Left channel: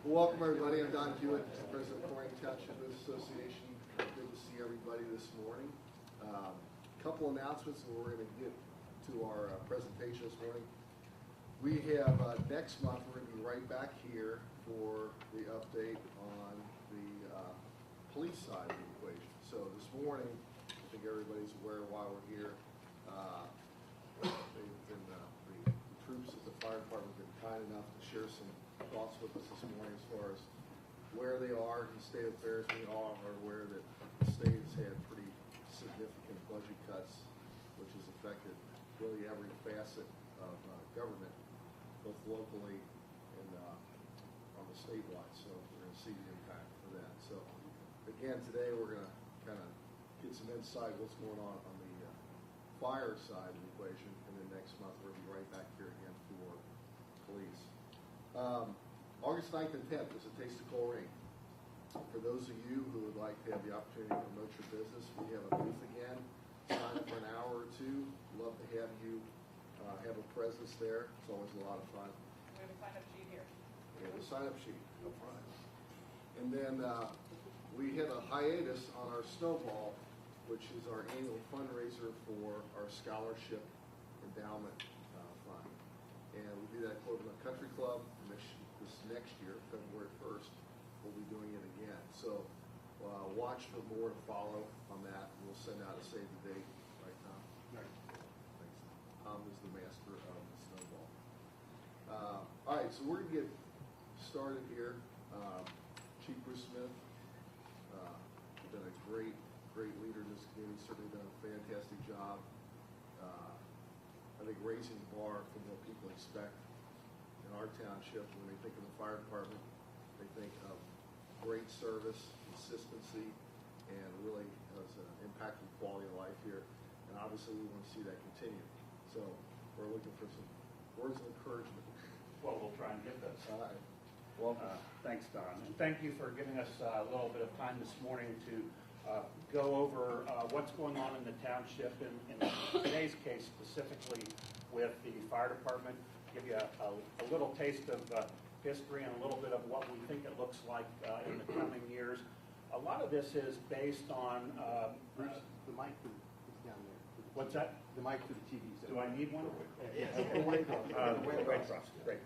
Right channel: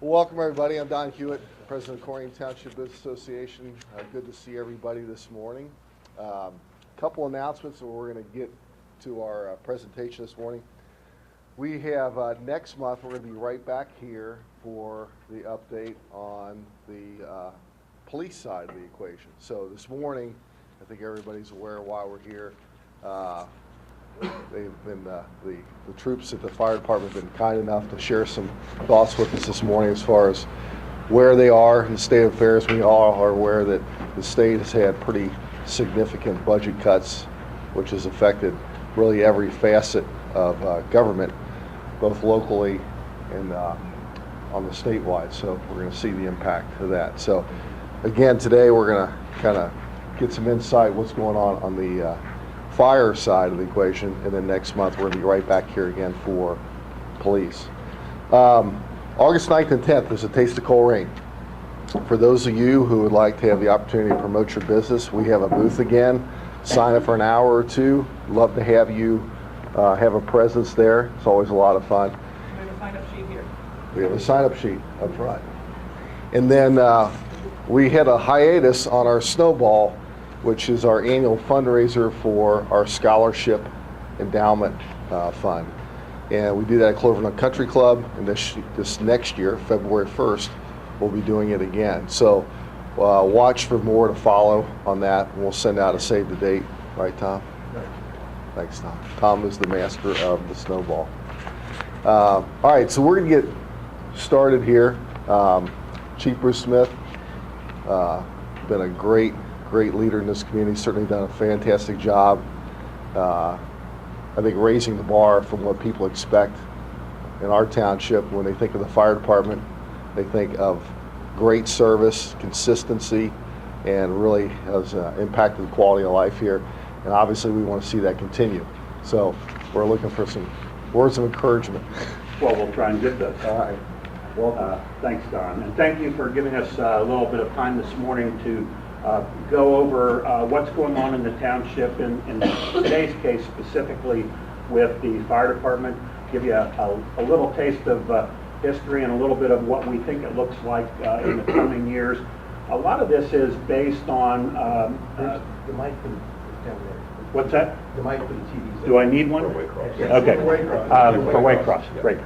Welcome everybody. I'm Don Hewitt, President of Colerain Township Business Association. Good to see everybody this morning. Couple announcements and we're going to get to our presentation this morning. We have next month we're going to be right back here for the update on the police side of the equation. So this morning, I think everybody's aware why we're here. They've been the troops at the fire department have been kind enough to share some thoughts with us this morning as far as where they are in the state of affairs. We all are aware that the state has had pretty significant budget cuts, which has affected really every facet of government, both locally and on the statewide. So we're going to see the impact of that. So again, today we're going to kind of get some insight what's going on the fire side of the equation, and then next month we're going to be right back here again for police. August 9th and 10th is a Taste of Colerain. For those of you who would like to have the opportunity to promote your business, we have a booth again. Sign up for an hour or two. Love to have you have a presence there. It's always a lot of fun. We have a sign-up sheet here. We have a sign-up sheet up front. And then we had a hiatus on our Snowball, which is our annual fundraiser for our scholarship endowment fund. And we do that at Colerain Country Club, and this next year, February 1st, we'll be doing it again. So watch for more to follow on that, and we'll send out a save the date. Right, Tom? Right. Thanks, Tom. Tom is the master of the Snowball. All right, so we're going to get started here. Chief Bruce Smith, been a great leader in this community, certainly done a fantastic job. I think raising the bar from what people expect in our township. When they think of the fire department, they think of great service, consistency, and really has impacted the quality of life here. And obviously we want to see that continue. So we're looking for some words of encouragement. Well, we'll try and get those. All right. Well, thanks, Don. And thank you for giving us a little bit of time this morning to go over what's going on in the township, in today's case specifically with the fire department, give you a little taste of history and a little bit of what we think it looks like in the coming years. A lot of this is based on... the mic for the what's that? The mic for the TV. Do I need one? For Waycross. Yes. Okay. For Waycross, great.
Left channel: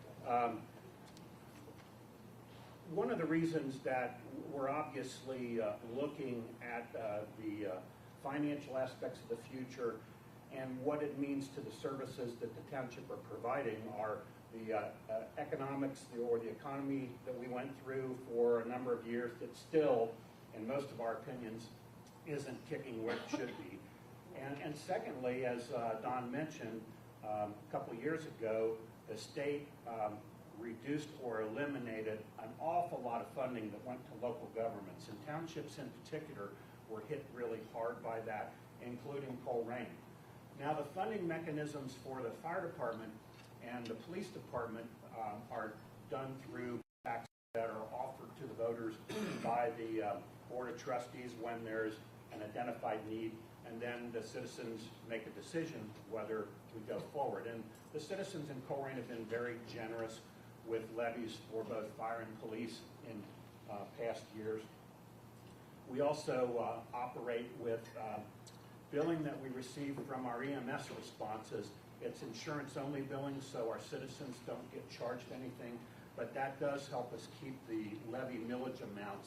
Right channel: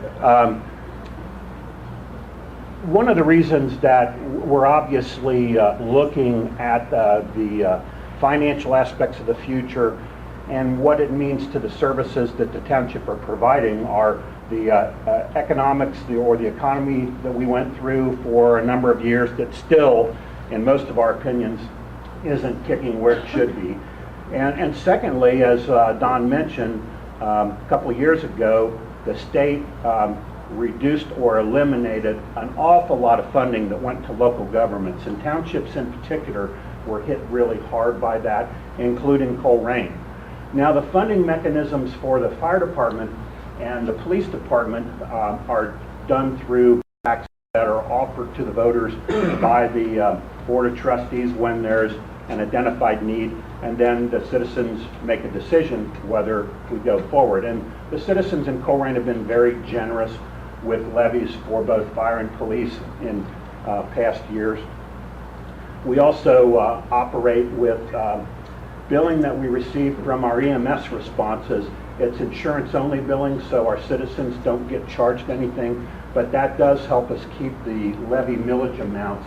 One of the reasons that we're obviously looking at the financial aspects of the future and what it means to the services that the township are providing are the economics or the economy that we went through for a number of years that still, in most of our opinions, isn't kicking where it should be. And secondly, as Don mentioned, a couple of years ago, the state reduced or eliminated an awful lot of funding that went to local governments, and townships in particular were hit really hard by that, including Colerain. Now the funding mechanisms for the fire department and the police department are done through taxes that are offered to the voters by the Board of Trustees when there's an identified need, and then the citizens make a decision whether we go forward. And the citizens in Colerain have been very generous with levies for both fire and police in past years. We also operate with billing that we receive from our EMS responses. It's insurance-only billing, so our citizens don't get charged anything, but that does help us keep the levy millage amounts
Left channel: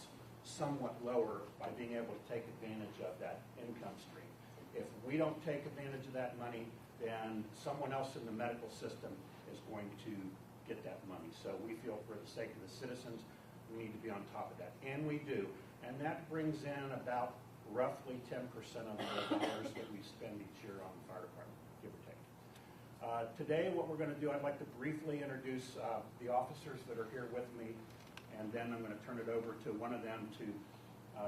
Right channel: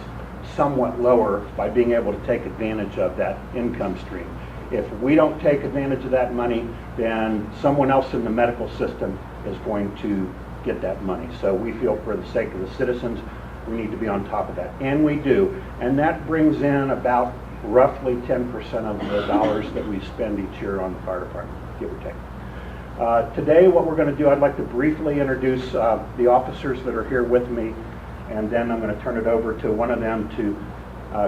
somewhat lower by being able to take advantage of that income stream. If we don't take advantage of that money, then someone else in the medical system is going to get that money. So we feel for the sake of the citizens, we need to be on top of that. And we do. And that brings in about roughly 10% of the dollars that we spend each year on the fire department, give or take. Today, what we're going to do, I'd like to briefly introduce the officers that are here with me, and then I'm going to turn it over to one of them to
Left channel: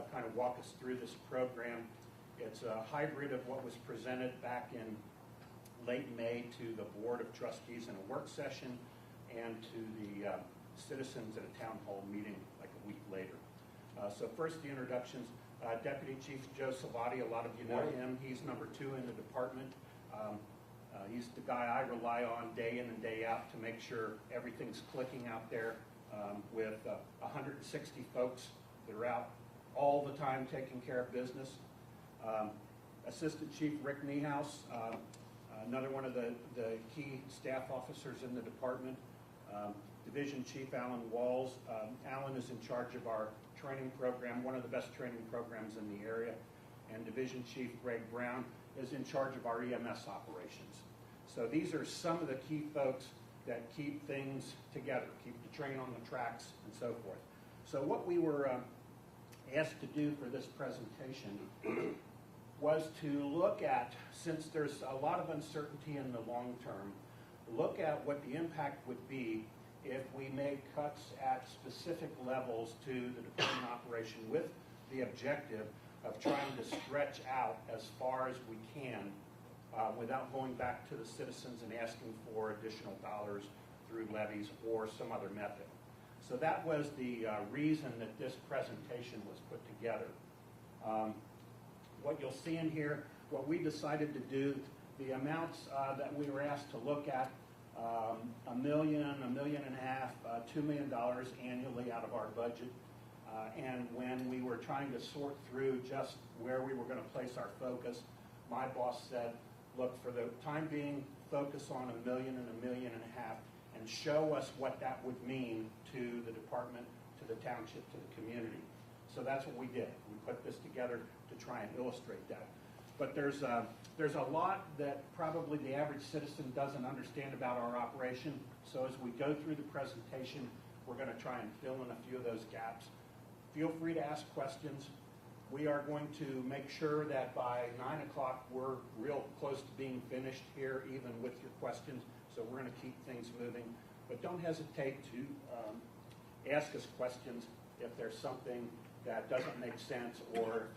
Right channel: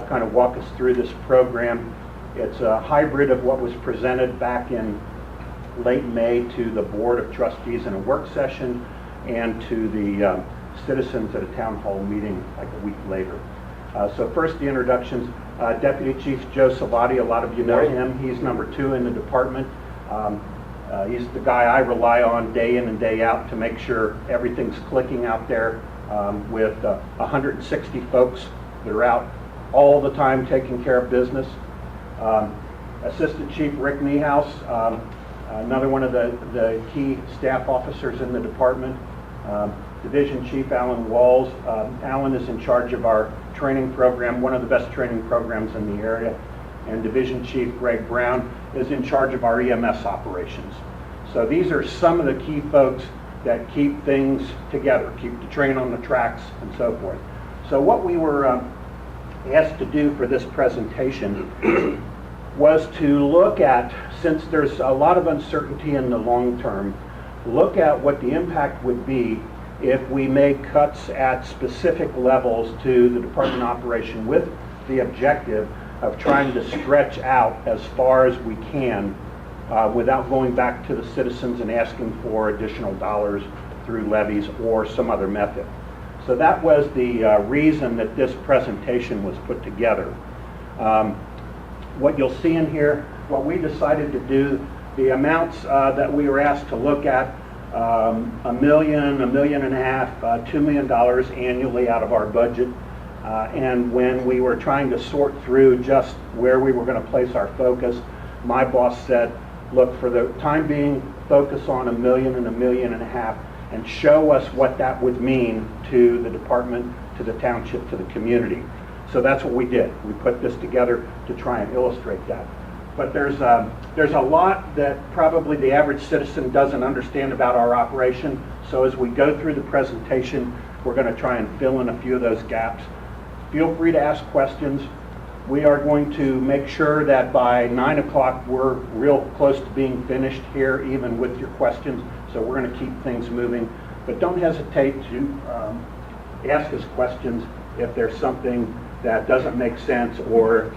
kind of walk us through this program. It's a hybrid of what was presented back in late May to the Board of Trustees in a work session and to the citizens at a town hall meeting like a week later. So first, the introductions. Deputy Chief Joe Salvati, a lot of you know him. He's number 2 in the department. He's the guy I rely on day in and day out to make sure everything's clicking out there with 160 folks that are out all the time taking care of business. Assistant Chief Rick Niehaus, another one of the key staff officers in the department. Division Chief Alan Walls. Alan is in charge of our training program, one of the best training programs in the area. And Division Chief Greg Brown is in charge of our EMS operations. So these are some of the key folks that keep things together, keep the train on the tracks and so forth. So what we were asked to do for this presentation was to look at, since there's a lot of uncertainty in the long term, look at what the impact would be if we make cuts at specific levels to the department operation with the objective of trying to stretch out as far as we can without going back to the citizens and asking for additional dollars through levies or some other method. So that was the reason that this presentation was put together. What you'll see in here, what we decided to do, the amounts that we were asked to look at, $1 million, $1.5 million, $2 million annually out of our budget. And when we were trying to sort through just where we were going to place our focus, my boss said, look, for the time being, focus on $1 million and $1.5 million and show us what that would mean to the department, to the township, to the community. So that's what we did. We put this together to try and illustrate that. But there's a lot that probably the average citizen doesn't understand about our operation. So as we go through the presentation, we're going to try and fill in a few of those gaps. Feel free to ask questions. We are going to make sure that by 9 o'clock we're real close to being finished here, even with your questions. So we're going to keep things moving. But don't hesitate to ask us questions if there's something that doesn't make sense, or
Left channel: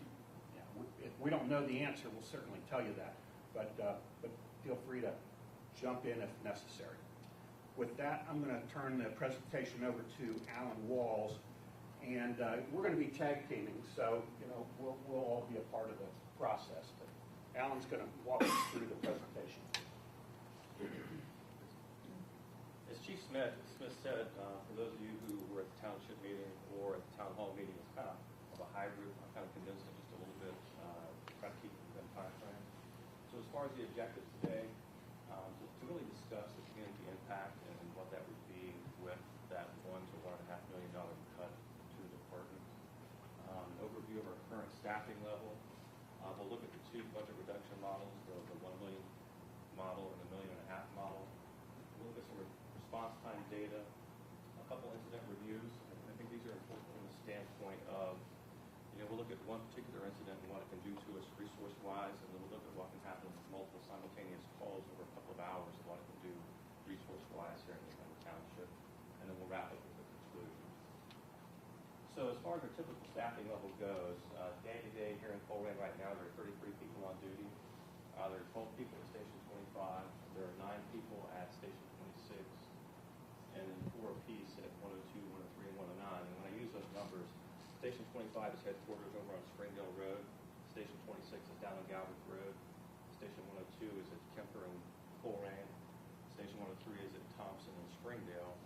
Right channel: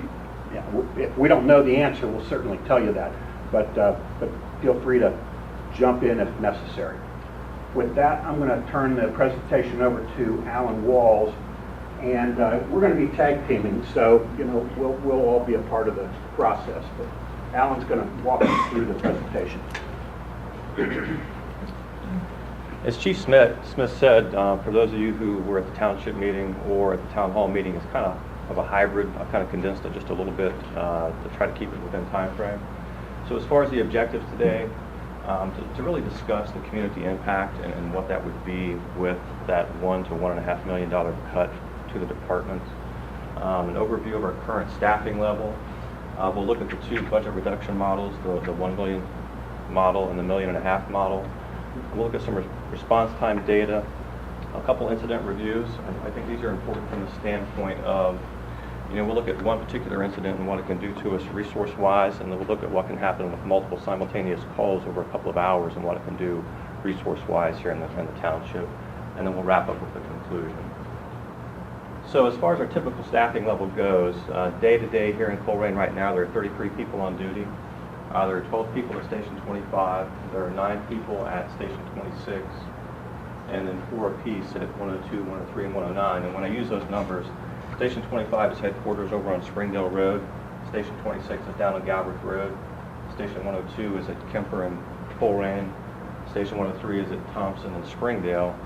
if we don't know the answer, we'll certainly tell you that. But feel free to jump in if necessary. With that, I'm going to turn the presentation over to Alan Walls, and we're going to be tag teaming, so we'll all be a part of the process. But Alan's going to walk us through the presentation. As Chief Smith said, for those of you who were at the township meeting or at the town hall meeting, it's kind of a hybrid. I've kind of condensed it just a little bit to try to keep it within time frame. So as far as the objectives today, to really discuss the community impact and what that would be with that $1 to $1.5 million cut to the department, an overview of our current staffing level. We'll look at the two budget reduction models, the $1 million model and the $1.5 million model. We'll look at some response time data, a couple incident reviews. I think these are important from the standpoint of, we'll look at one particular incident and what it can do to us resource-wise, and then we'll look at what can happen with multiple simultaneous calls over a couple of hours and what it can do resource-wise here in the township, and then we'll wrap up with the conclusion. So as far as our typical staffing level goes, day to day here in Colerain right now, there are 33 people on duty. There are 12 people at Station 25, there are 9 people at Station 26, and then 4 apiece at 102, 103, and 109. And when I use those numbers, Station 25 is headquarters over on Springdale Road, Station 26 is down on Galbraith Road, Station 102 is at Kemper and Colerain, Station 103 is at Thompson and Springdale,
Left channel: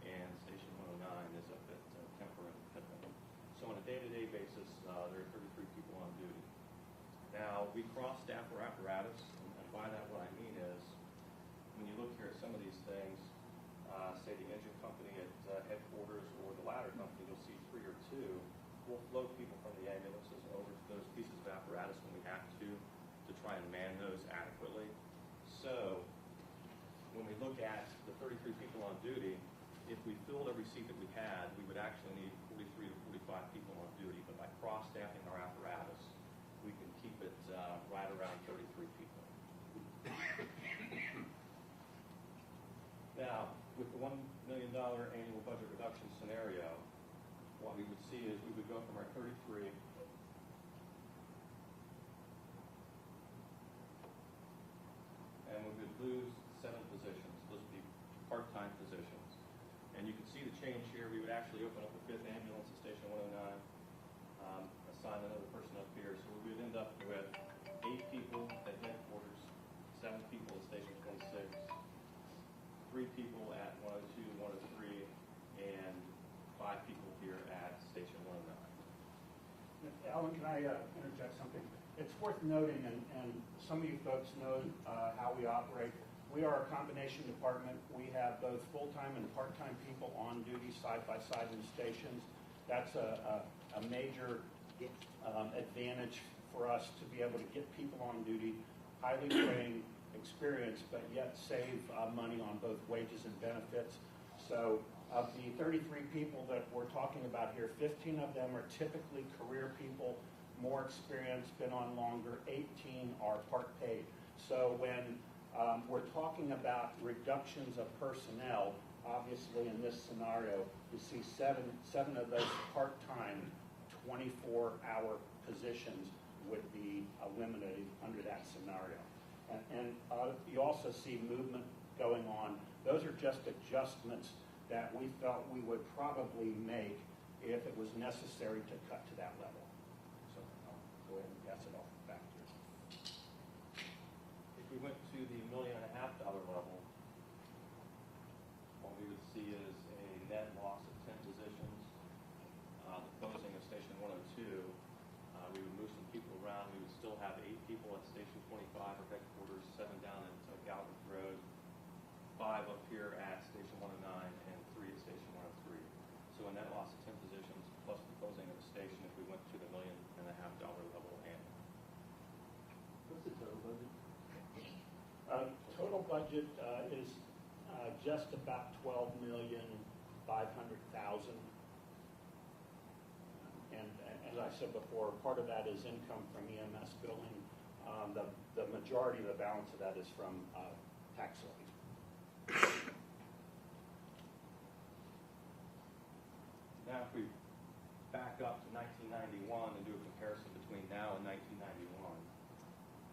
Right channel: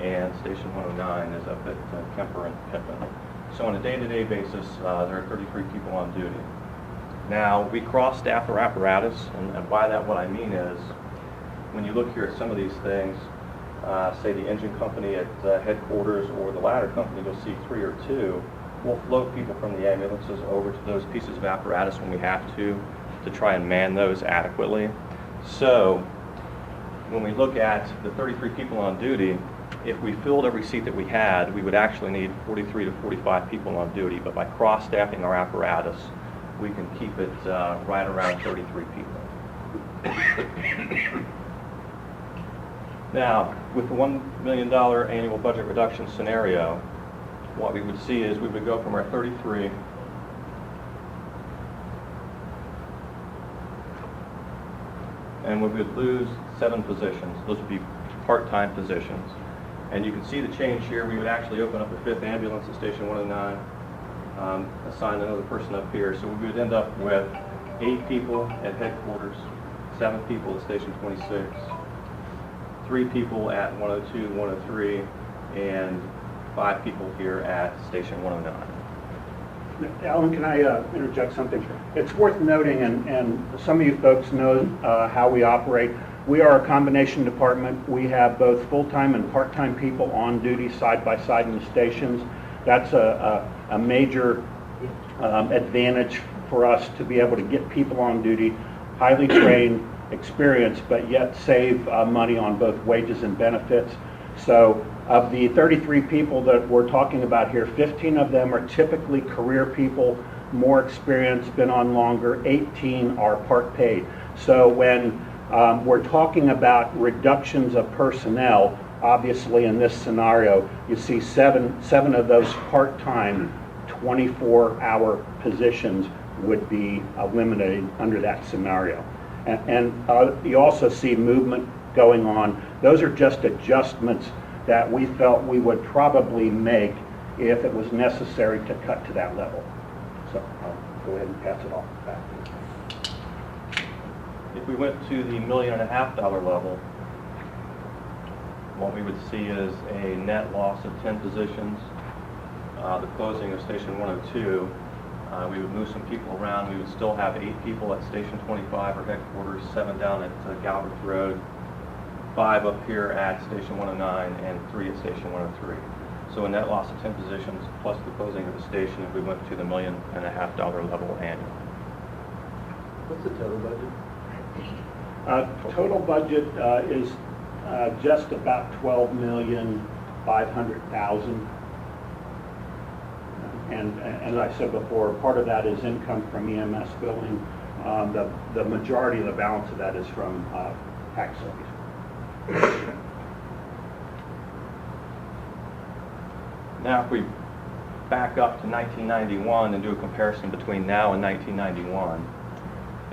and Station 109 is up at Kemper and Pippin. So on a day-to-day basis, there are 33 people on duty. Now, we cross-staff our apparatus, and by that what I mean is, when you look here at some of these things, say the engine company at headquarters or the ladder company, you'll see 3 or 2. We'll float people from the ambulances over to those pieces of apparatus when we have to try and man those adequately. So, when we look at the 33 people on duty, if we filled every seat that we had, we would actually need 43 to 45 people on duty, but by cross-staffing our apparatus, we can keep it right around 33 people. Now, with the $1 million annual budget reduction scenario, what we would see is we would go from our 33 and we would lose 7 positions. Those would be part-time positions. And you can see the change here. We would actually open up a 5th ambulance at Station 109. Assign another person up here. So we would end up with 8 people at headquarters, 7 people at Station 26, 3 people at 102, 103, and 5 people here at Station 109. Alan, can I interject something? It's worth noting, and some of you folks know how we operate. We are a combination department. We have both full-time and part-time people on duty side by side in the stations. That's a major advantage for us to be able to get people on duty, highly trained, experienced, but yet save money on both wages and benefits. So of the 33 people that we're talking about here, 15 of them are typically career people, more experienced, been on longer, 18 are part paid. So when we're talking about reductions of personnel, obviously in this scenario, you see seven of those part-time 24-hour positions would be eliminated under that scenario. And you also see movement going on. Those are just adjustments that we felt we would probably make if it was necessary to cut to that level. So I'll go ahead and pass it off back. If we went to the $1.5 million level, what we would see is a net loss of 10 positions. The closing of Station 102, we would move some people around. We would still have 8 people at Station 25, our headquarters, 7 down at Galbraith Road, 5 up here at Station 109, and 3 at Station 103. So a net loss of 10 positions plus the closing of the station if we went to the $1.5 million level annually. What's the total budget? Total budget is just about $12,500,000. And as I said before, part of that is income from EMS billing. The majority of the balance of that is from tax levies. Now, if we back up to 1991 and do a comparison between now and 1991,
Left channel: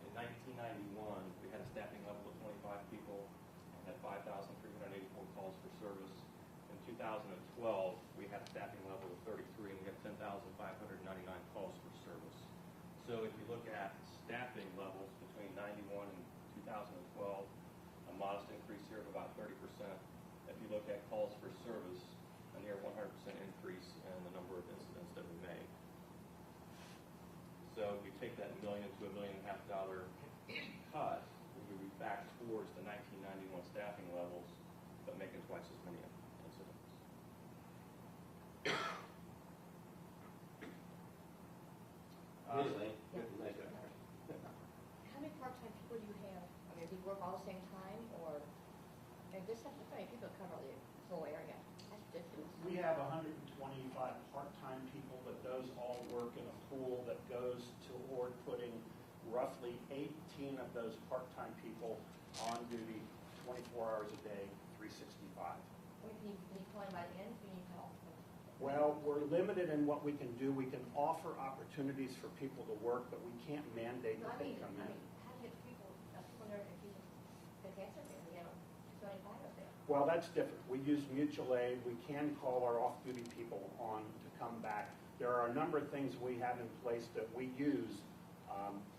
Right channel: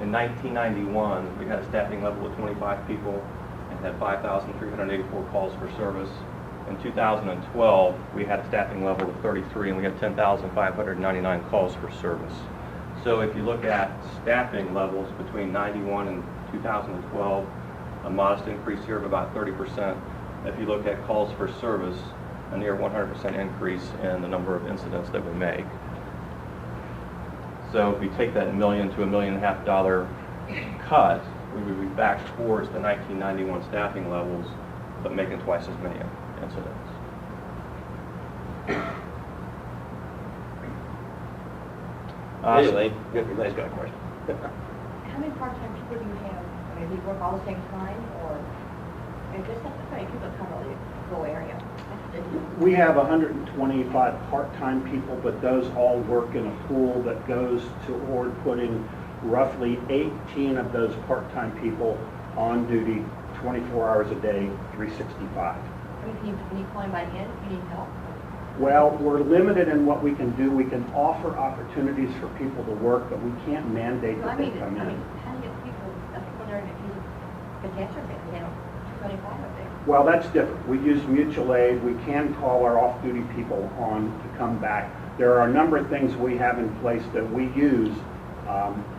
in 1991, we had a staffing level of 25 people and had 5,384 calls for service. In 2012, we had a staffing level of 33 and we had 10,599 calls for service. So if you look at staffing levels between 91 and 2012, a modest increase here of about 30%. If you look at calls for service, a near 100% increase in the number of incidents that we make. So if we take that $1 million to $1.5 million cut, we would be back towards the 1991 staffing levels, but making twice as many incidents. Anyway, Elaine's got a question. How many part-time people do you have? I mean, do you work all the same time, or, I guess that's how many people cover the whole area? We have 125 part-time people, but those all work in a pool that goes toward putting roughly 18 of those part-time people on duty 24 hours a day, 365. I mean, can you call anybody in if you need help? Well, we're limited in what we can do. We can offer opportunities for people to work, but we can't mandate Well, that they come in. how do you get people there if you catastrophe, you know, 25 up there? Well, that's different. We use mutual aid. We can call our off-duty people on to come back. There are a number of things we have in place that we use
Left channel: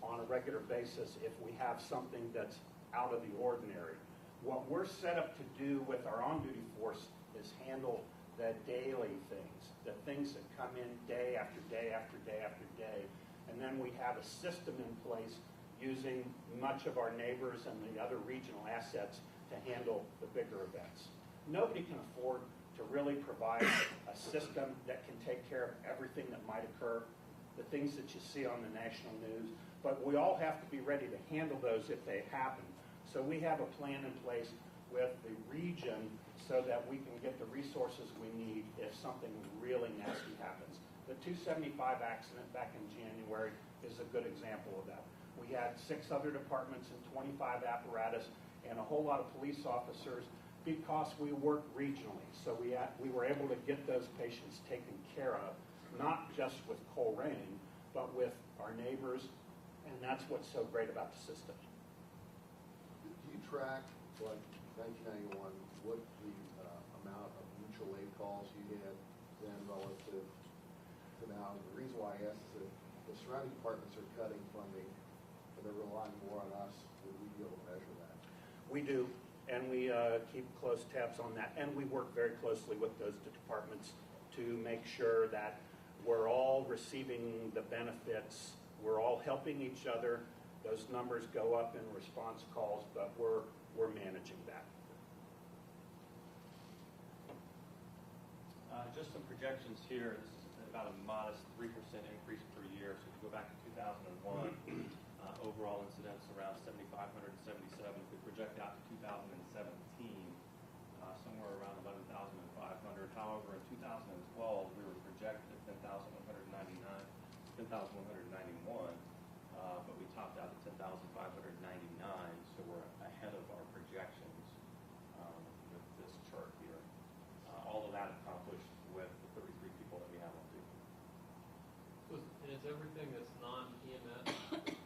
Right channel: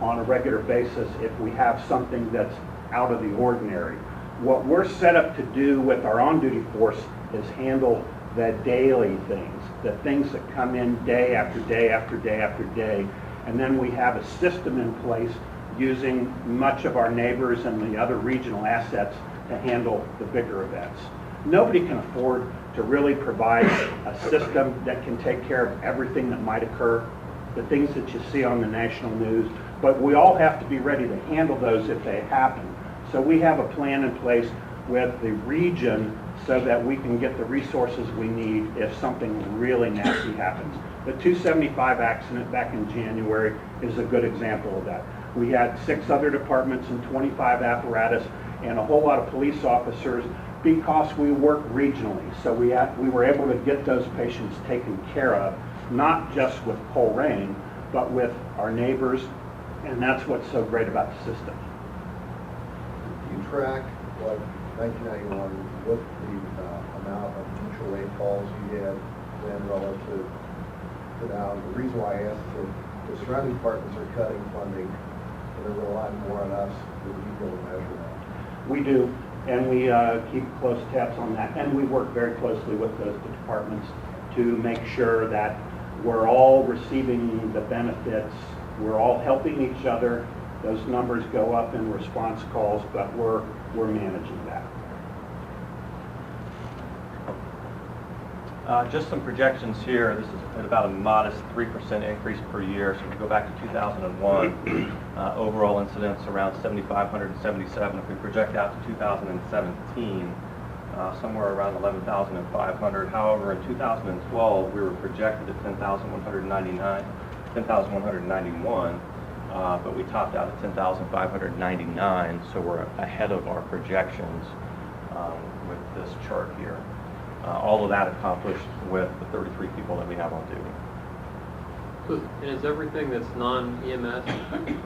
on a regular basis if we have something that's out of the ordinary. What we're set up to do with our on-duty force is handle the daily things, the things that come in day after day after day after day. And then we have a system in place using much of our neighbors and the other regional assets to handle the bigger events. Nobody can afford to really provide a system that can take care of everything that might occur, the things that you see on the national news, but we all have to be ready to handle those if they happen. So we have a plan in place with the region so that we can get the resources we need if something really nasty happens. The 275 accident back in January is a good example of that. We had 6 other departments and 25 apparatus and a whole lot of police officers because we work regionally. So we were able to get those patients taken care of, not just with Colerain, but with our neighbors, and that's what's so great about the system. Do you track, like 1991, what the amount of mutual aid calls you had then relative to now? The reason why I asked is the surrounding departments are cutting funding, and they're relying more on us to be able to measure that. We do, and we keep close tabs on that, and we work very closely with those departments to make sure that we're all receiving the benefits, we're all helping each other. Those numbers go up in response calls, but we're managing that. Just some projections here. This is at about a modest 3% increase per year. So if we go back to 2001, overall incidents around 7,577. If we project out to 2017, somewhere around 11,500. However, in 2012, we were projected at 10,191, but we topped out at 10,599, so we're ahead of our projections with this chart here. All of that accomplished with the 33 people that we have on duty. So, and is everything that's non-EMS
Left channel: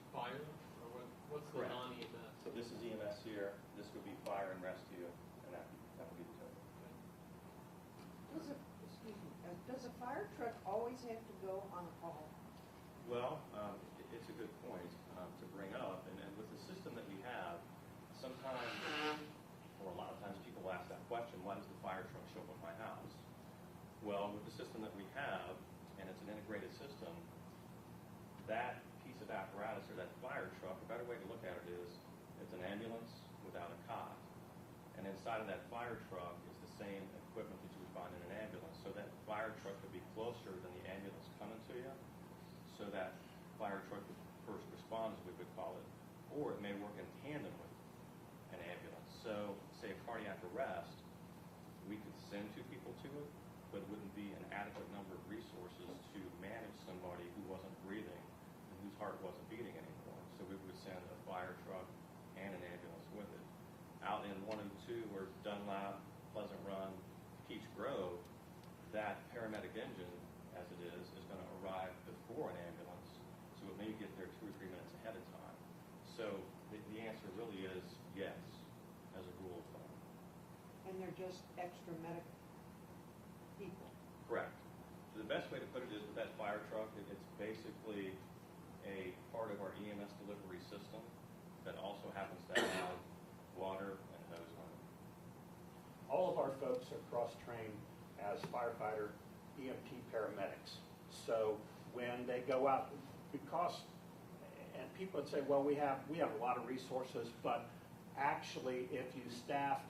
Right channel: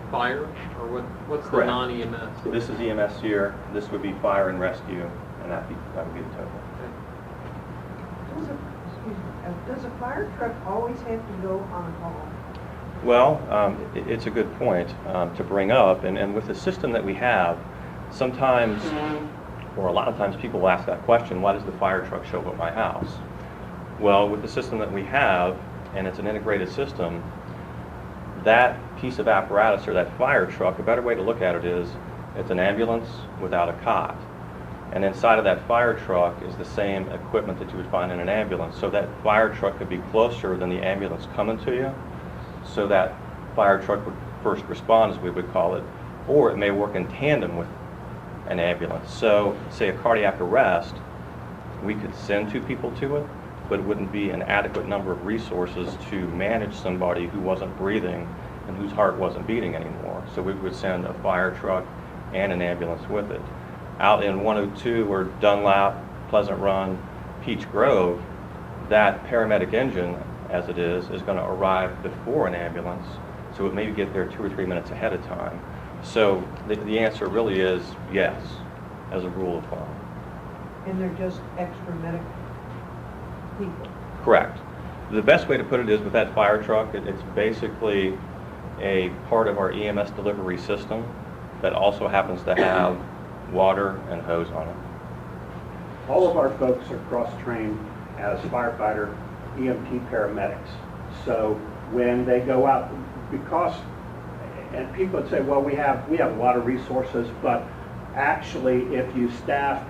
fire, or what's Correct. the non-EMS? This is EMS here, this would be fire and rescue, and that would be the total. Does a fire truck always have to go on call? Well, it's a good point to bring up, and with the system that we have, sometimes, or a lot of times people will ask that question, why does the fire truck show up at my house? Well, with the system that we have, and it's an integrated system, that piece of apparatus or that fire truck, a better way to look at it is, it's an ambulance without a cot. And inside of that fire truck is the same equipment that you would find in an ambulance. So that fire truck could be closer than the ambulance coming to you. So that fire truck would first respond, as we would call it, or it may work in tandem with an ambulance. So say a cardiac arrest, we could send 2 people to it, but it wouldn't be an adequate number of resources to manage somebody who wasn't breathing and whose heart wasn't beating anymore. So we would send a fire truck and an ambulance with it. Out in 102 or Dunlap, Pleasant Run, Peach Grove, that paramedic engine, as it is going to arrive before an ambulance, so it may get there 2 or 3 minutes ahead of time. So the answer really is yes, as a rule of thumb. And they're just extra medical people? Correct. The best way to put it is with that fire truck, it's basically a part of our EMS delivery system that also happens to have water and hose on it. All of our folks are cross-trained as firefighter, EMT paramedics. So when they go out, because, and people would say, well, we have a lot of resources, but actually if you staff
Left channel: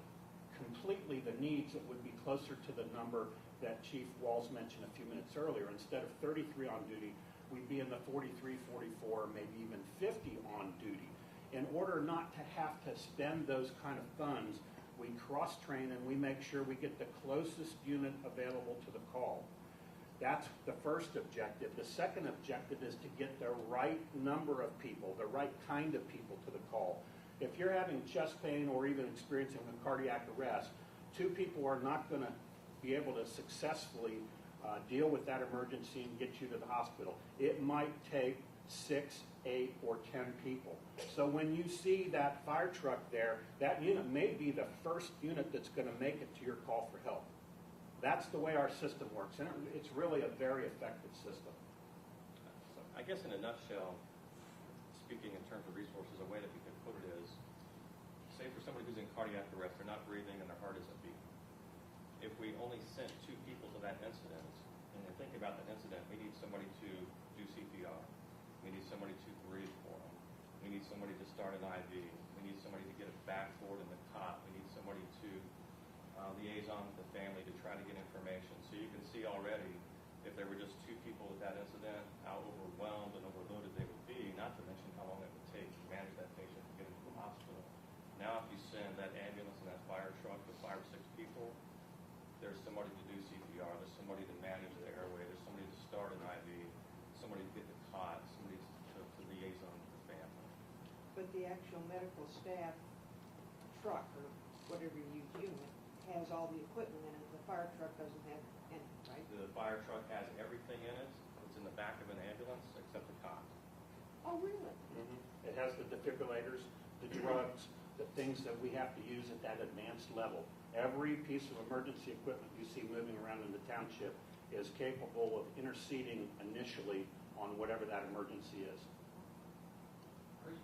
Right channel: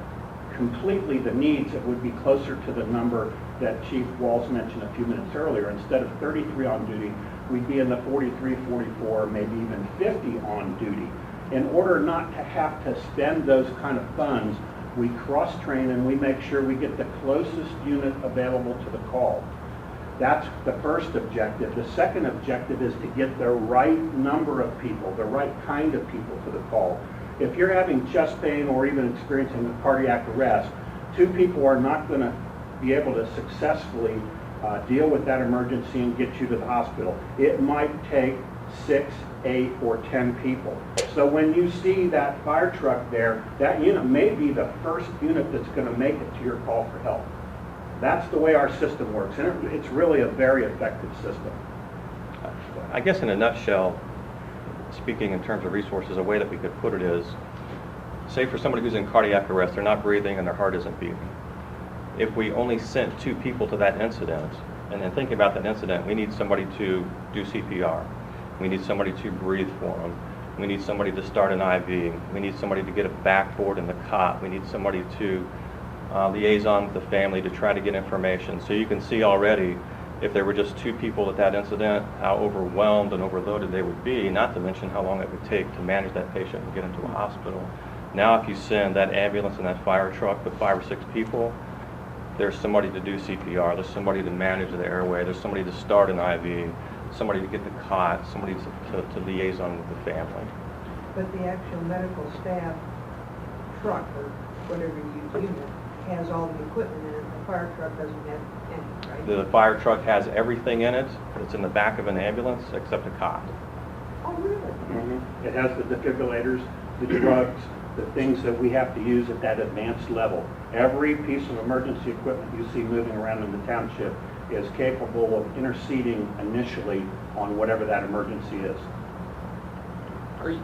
completely the needs, it would be closer to the number that Chief Walls mentioned a few minutes earlier. Instead of 33 on duty, we'd be in the 43, 44, maybe even 50 on duty. In order not to have to spend those kind of funds, we cross-train and we make sure we get the closest unit available to the call. That's the first objective. The second objective is to get the right number of people, the right kind of people to the call. If you're having chest pain or even experiencing a cardiac arrest, 2 people are not going to be able to successfully deal with that emergency and get you to the hospital. It might take 6, 8, or 10 people. So when you see that fire truck there, that unit may be the first unit that's going to make it to your call for help. That's the way our system works, and it's really a very effective system. I guess in a nutshell, speaking in terms of resources, a way that we could put it is, say for somebody who's in cardiac arrest, they're not breathing and their heart isn't beating. If we only sent 2 people to that incident, and then thinking about that incident, we need somebody to do CPR. We need somebody to breathe for them. We need somebody to start an IV. We need somebody to get a backboard in the cot. We need somebody to liaison with the family to try to get information. So you can see already, if there were just 2 people at that incident, how overwhelmed and overloaded they would be, not to mention how long it would take to manage that patient and get into a hospital. Now if you send that ambulance and that fire truck with 5 or 6 people, there's somebody to do CPR, there's somebody to manage the airway, there's somebody to start an IV, somebody to get the cot, somebody to liaison with the family. But the actual medical staff truck, or whatever you unit, has all the equipment in it. The fire truck doesn't have any, right? The fire truck has everything in it that's in the back of an ambulance except a cot. Oh, really? It has the defibrillators, the drugs, the things that we have to use at that advanced level. Every piece of emergency equipment you see moving around in the township is capable of interceding initially on whatever that emergency is. Are you,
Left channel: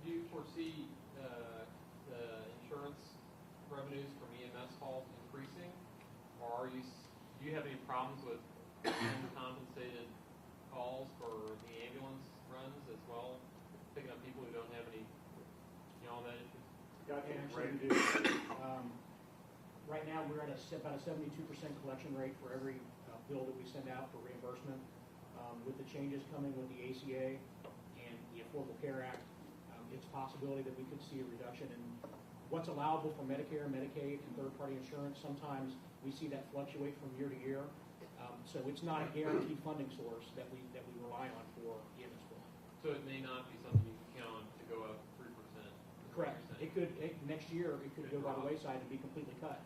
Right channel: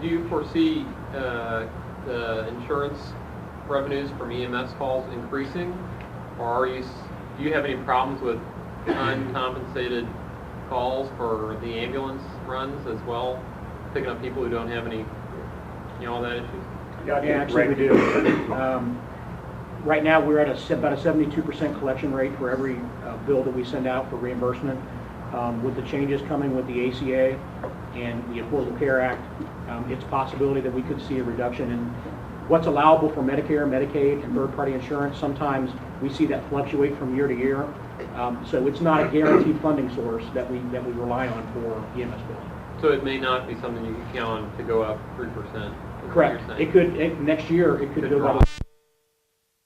do you foresee the insurance revenues from EMS calls increasing, or are you do you have any problems with uncompensated calls for the ambulance runs as well? Picking up people who don't have any, all that issues? Yeah, Actually, we do. Right now, we're at about a 72% collection rate for every bill that we send out for reimbursement. With the changes coming with the ACA and the Affordable Care Act, it's a possibility that we could see a reduction in what's allowable for Medicare, Medicaid, and third-party insurance. Sometimes we see that fluctuate from year to year. So it's not a guaranteed funding source that we rely on for EMS bills. So it may not be something you can count on to go up 3%. is what Correct. you're saying. It could, next year, it could Could go by the drop. wayside and be completely cut.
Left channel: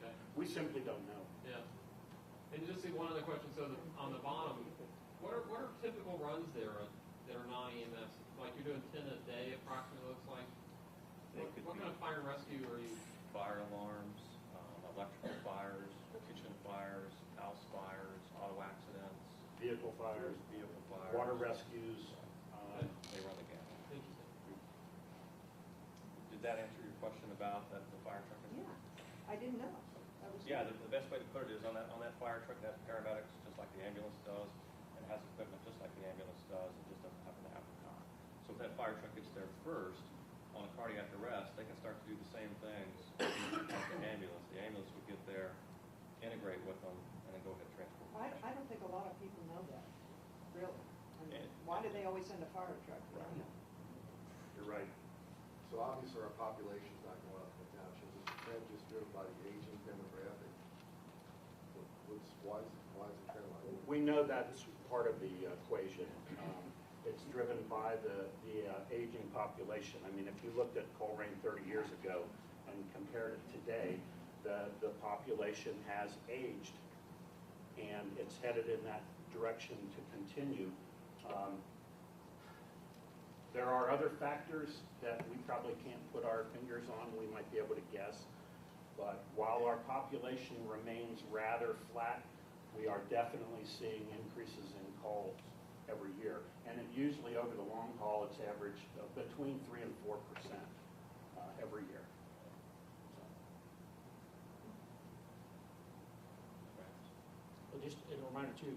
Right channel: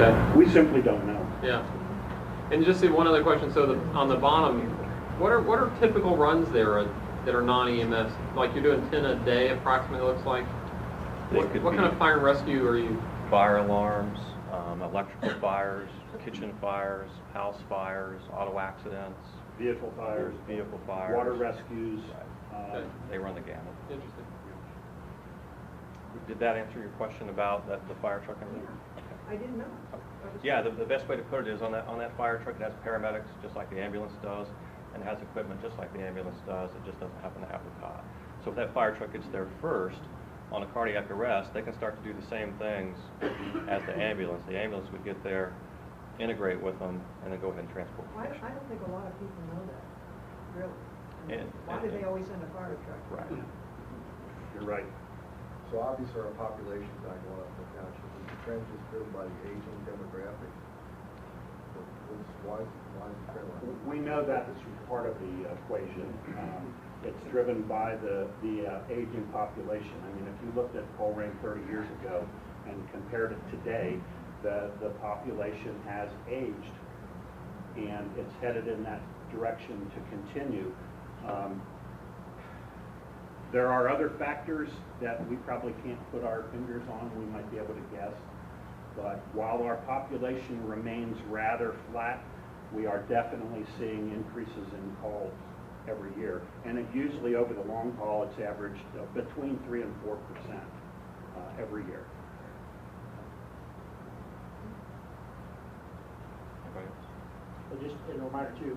Okay. We simply don't know. Yeah. And just one other question. So on the bottom, what are typical runs there that are non-EMS? Like you're doing 10 a day approximately, it looks like. They What could kind be of fire and rescue are you? fire alarms, electrical fires, kitchen fires, house fires, auto accidents, Vehicle fires, vehicle fires. water rescues. Okay. They run the gamut. Interesting. Did that answer your question about the fire truck and everything? I didn't know. Yeah, the best way to put it is on that fire truck, it has paramedics, just like the ambulance does, and it has equipment just like the ambulance does, it just doesn't happen to have the cot. So if that fire truck gets there first, on a cardiac arrest, they can start to do the same things as the ambulance. The ambulance would get there, integrate with them, and then go ahead and transport the I patient. don't think a lot of people know that, really. Why do they always send a fire truck? Right. You're right. So obviously our population's not going up in the township. Is the trend just driven by the aging demographic? Why is the trend like that? We know that is part of the equation. It's driven by the aging population. I mean, if you looked at Colerain 30 years ago and compared it today, the population has aged, and it's headed in that direction to continue. There are other factors that we probably can't put our fingers on. We might be able to guess. But while our population remains rather flat, we are definitely seeing increases in calls every year. And it usually, over the long haul, it's averaged between 3 and 4% every year. But just a reminder too,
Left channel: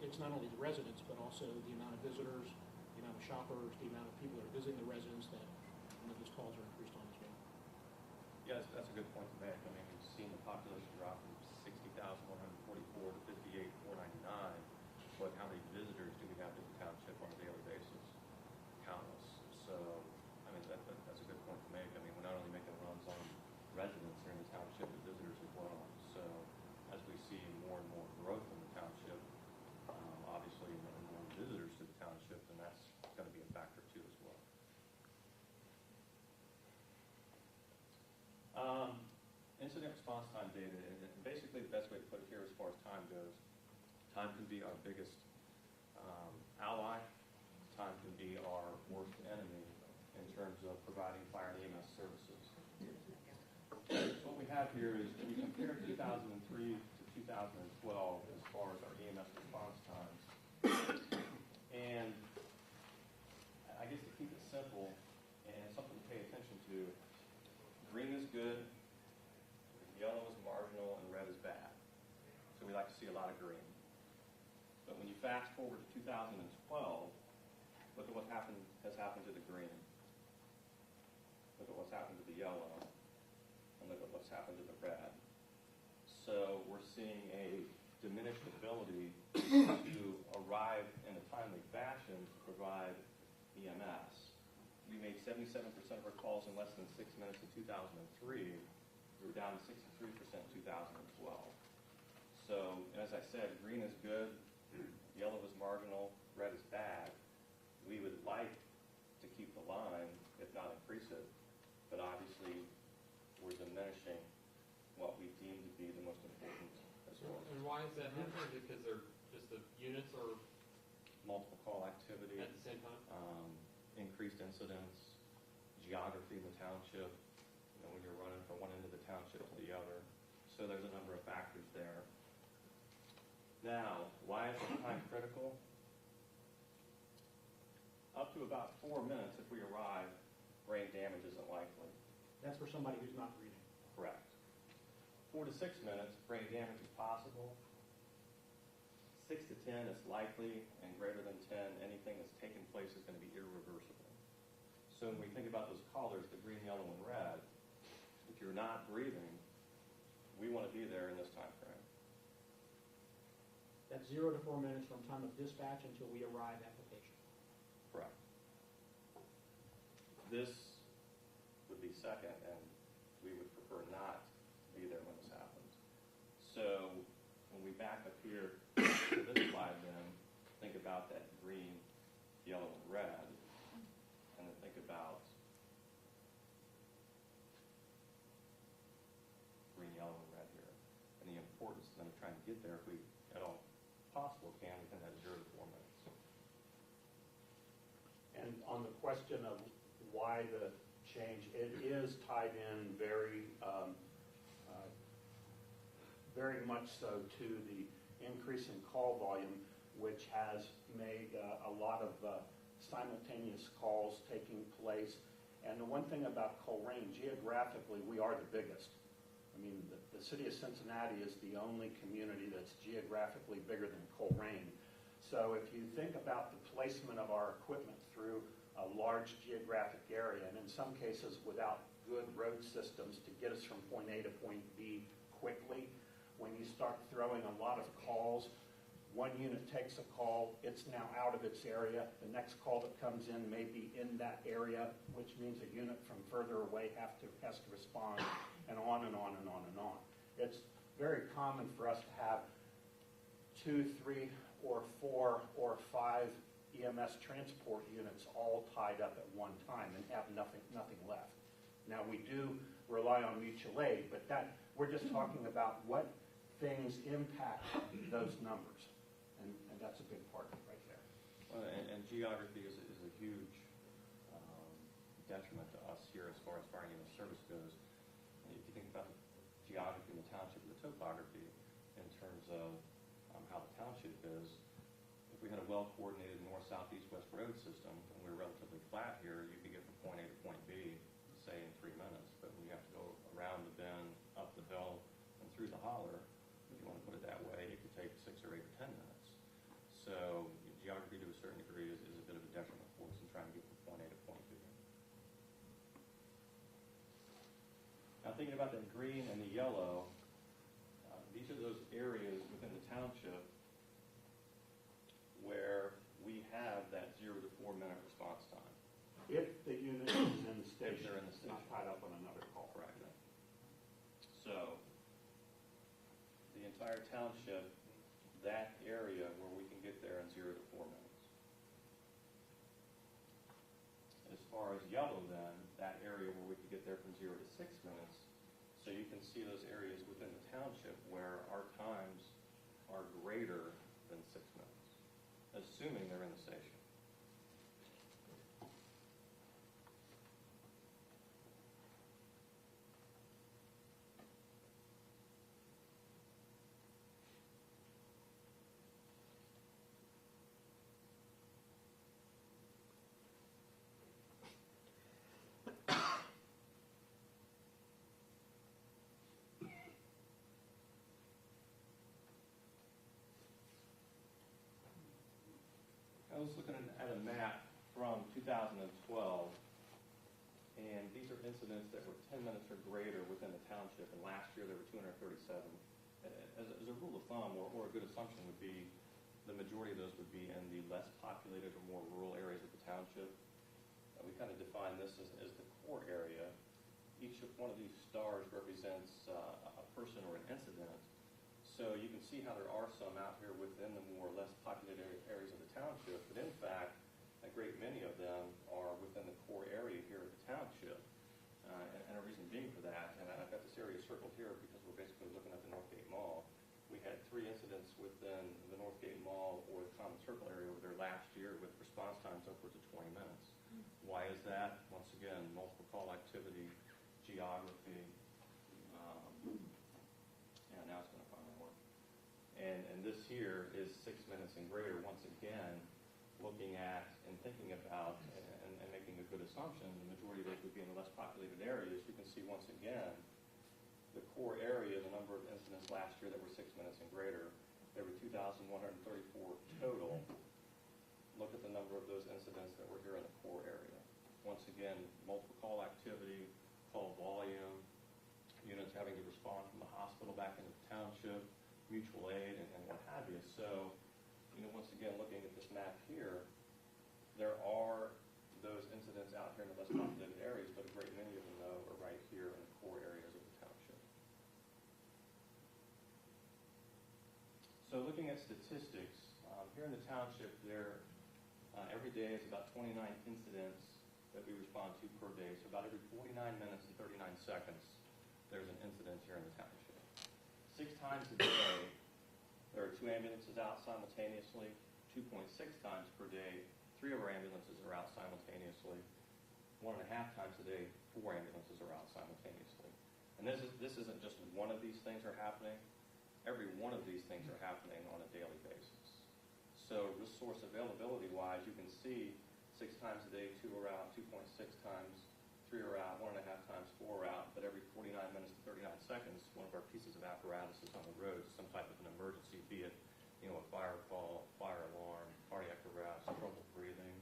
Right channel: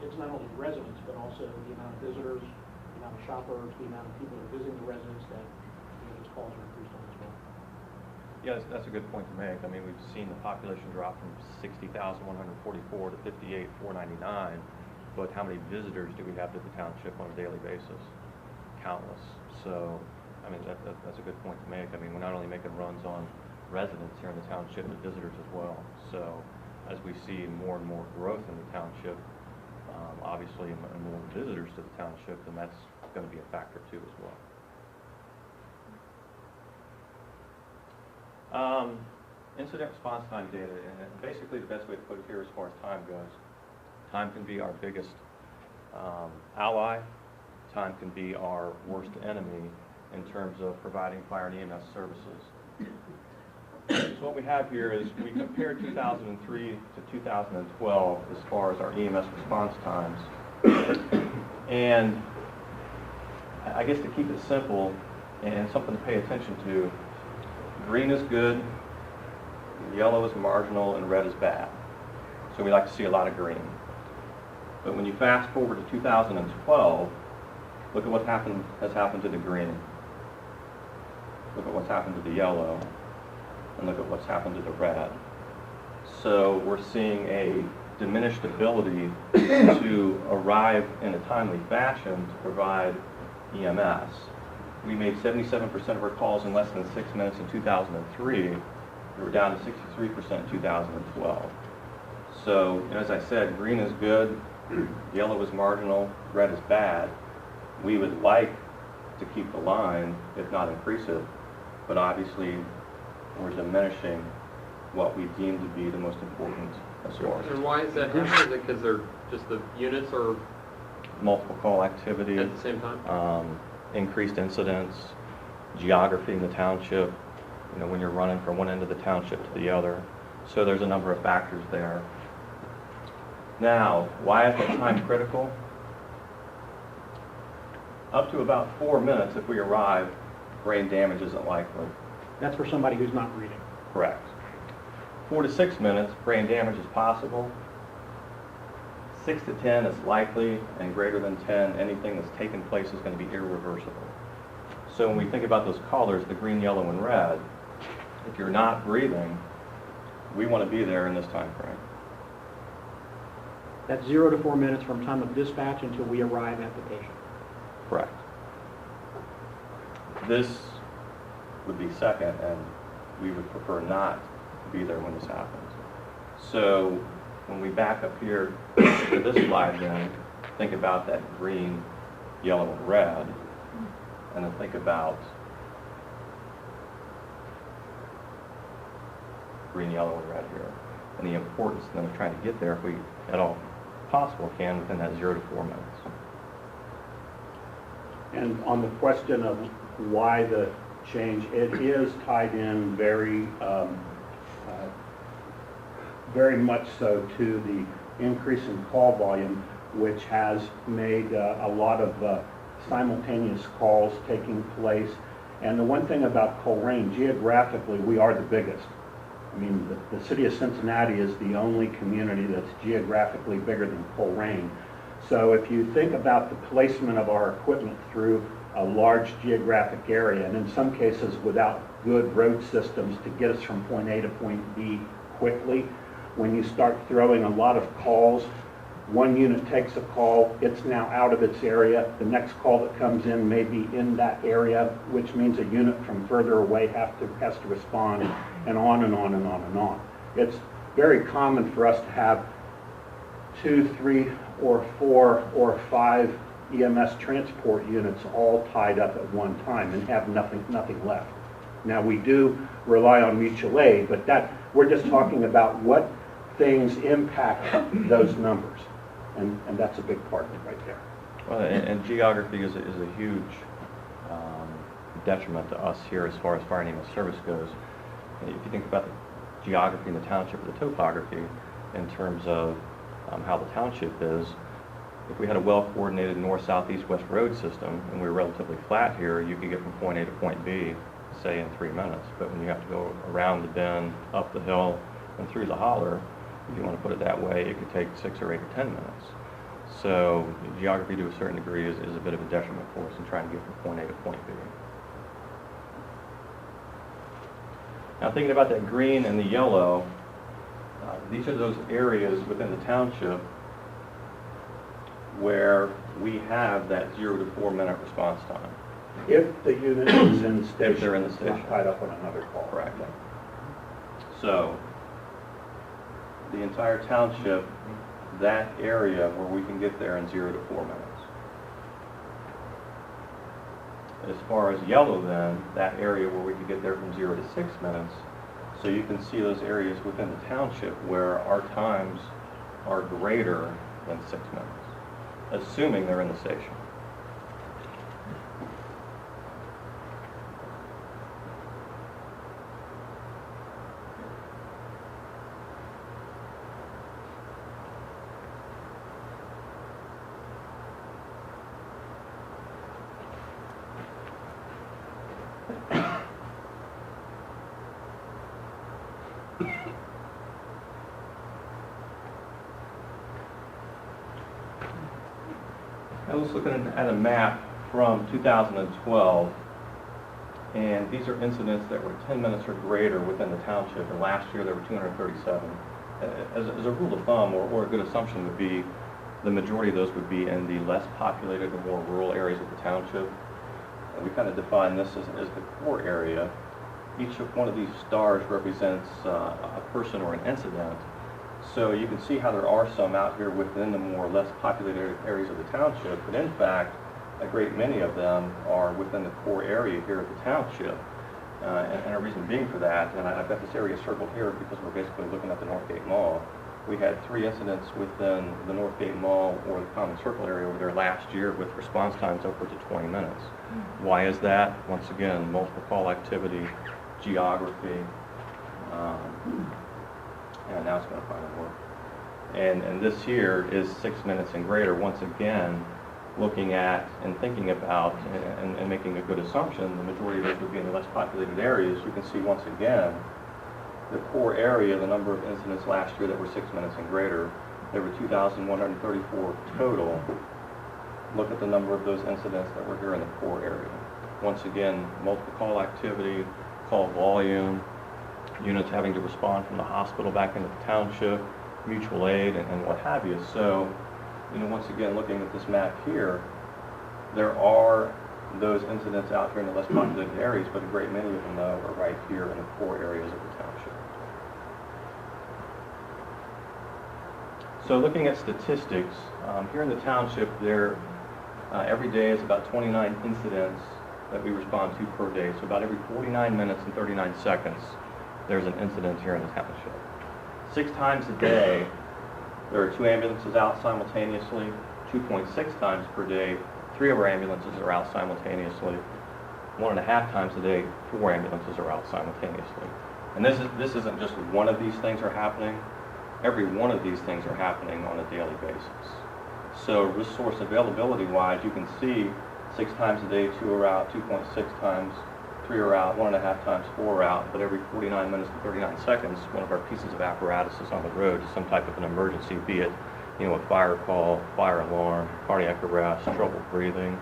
it's not only the residents, but also the amount of visitors, the amount of shoppers, the amount of people that are visiting the residents that, those calls are increased on as well. Yeah, that's a good point to make. I mean, we've seen the population drop from 60,144 to 58,499, but how many visitors do we have to the township on a daily basis? Countless. So, I mean, that's a good point to make. I mean, we're not only making runs on residents here in the township, but visitors as well. So, as we see more and more growth in the township, obviously, and more visitors to the township, then that's going to be a factor too as well. Incident response time data, and basically the best way to put it here as far as time goes, time can be our biggest ally, time can be our worst enemy in terms of providing fire and EMS services. So what we have here is we compared 2003 to 2012 as far as our EMS response times. And I guess to keep it simple and something to pay attention to, green is good, yellow is marginal, and red is bad. So we like to see a lot of green. But when you fast forward to 2012, look at what has happened to the green. Look at what's happened to the yellow. And look at what's happened to the red. So we're seeing a diminished ability to arrive in a timely fashion to provide EMS. We made 77% of our calls in less than 6 minutes in 2003. We were down to 63% in 2012. So, as I said, green is good, yellow is marginal, red is bad. We would like to keep the line, if not increase it, but obviously we're diminishing what we deem to be the most important source. And why is that happening? Is it because they're just the units are Multiple call activity, at the same time? increased incidents, geography in the township, when you're running from one end of the township to the other. So there's a number of factors there. Now, why is that time critical? Up to about 4 minutes if we arrive, brain damage isn't likely. That's for somebody who's not reading. Correct. 4 to 6 minutes, brain damage is possible. 6 to 10 is likely, and greater than 10, anything that's taken place is going to be irreversible. So when we think about those colors, the green, yellow, and red, if you're not breathing, we want to be there in this time frame. That's 0 to 4 minutes from time of dispatch until we arrive at the patient. Correct. This would be second, and we would prefer not to be there when this happens. So when we back up here to this slide, then think about that green, yellow, and red, and then think about green, yellow, and red here, and the importance then of trying to get there if we at all possible can within that 0 to 4 minutes. And on the question of why the change, it is tied in very much so to the increase in call volume, which has made a lot of simultaneous calls taking place. And the one thing about Colerain, geographically, we are the biggest. I mean, the city of Cincinnati is the only community that's geographically bigger than Colerain. So if you think about the placement of our equipment through a large geographic area, and in some cases without good road systems to get us from point A to point B quickly, when you start throwing a lot of calls, one unit takes a call, it's now out of its area, the next call that comes in may be in that area, which means a unit from further away has to respond, and on and on and on and on. It's very common for us to have 2, 3, or 4, or 5 EMS transport units all tied up at one time and have nothing left. Now, we do rely on mutual aid, but we're just talking about what things impact those numbers, and that's a big part of it right there. Well, and geography is a huge detriment to us here as far as fire and ambulance service goes. If you think about the geography in the township or the topography in terms of how the township is, if we had a well-coordinated north, south, east, west road system and we were relatively flat here, you could get from point A to point B, say, in 3 minutes. But when you have to go around the bend, up the hill, and through the holler, if you want to put it that way, it could take 6 or 8 or 10 minutes. So geography, to a certain degree, is a bit of a detriment for us in trying to get from point A to point B. Now, thinking about that green and the yellow, these are those areas within the township where we have that 0 to 4 minute response time. If the unit is in station. If they're in the station. Not tied up on another call. Correct. So, the entire township, that area where we can get there in 0 to 4 minutes. As far as yellow then, that area where we can get there from 0 to 6 minutes, so you can see those areas within the township where our times are greater than 6 minutes, assuming they're in the station. I was looking at a map from 2012, and these are incidents that were 10 minutes or greater within the township, and last year there were 237. As a rule of thumb, or a good assumption would be, the majority of those would be in the less populated or more rural areas of the township. And we kind of define this as the core area. Each one of these stars represents a person or an incident. So you can see how there are some out here within the more less populated areas of the township, but in fact, a great many of them are within the core area here of the township. And a reason being for that, and I've got this area circled here because we're basically looking at the Northgate Mall. We had 3 incidents within the Northgate Mall or the Common Circle area over there last year with response times upwards of 20 minutes. Why is that? Once again, multiple call activity, geography, and now it's going to finally work. And this here is 6 minutes and greater. Once again, looking at and thinking about and making a good assumption, the majority of those would be in the less populated areas. You can see once again the core area, the number of incidents last year that were 6 minutes and greater, there were 2,134 total. Look at the number of those incidents that were here in the core area. Once again, multiple call activity, call volume, units having to respond from the hospital back into the township, mutual aid, and what have you. So, once again, looking at this map here, there are those incidents out here in the less populated areas, but a great many of them, though, are right here in the core areas of the township. So looking at statistics, here in the township, there every day is about 29 incidents that we respond to per day. So about every 49 minutes and 39 seconds, there's an incident here in the township. 6 times a day, there are 2 ambulances out simultaneously. 2.6 times per day, 3 of our ambulances are out simultaneously. 1.5 times a day, 4 ambulances are out simultaneously. And this isn't just one of these things are happening. Every one of these things are happening on a daily basis. So resource availability-wise, you can see 6 times a day, 2 are out, 2.6 times, 3 are out, 1.5 times, 4 are out, but every 49 minutes and 39 seconds, one of our pieces of apparatus is on the road to some type of an emergency, be it, a fire call, fire alarm, cardiac arrest, trouble breathing,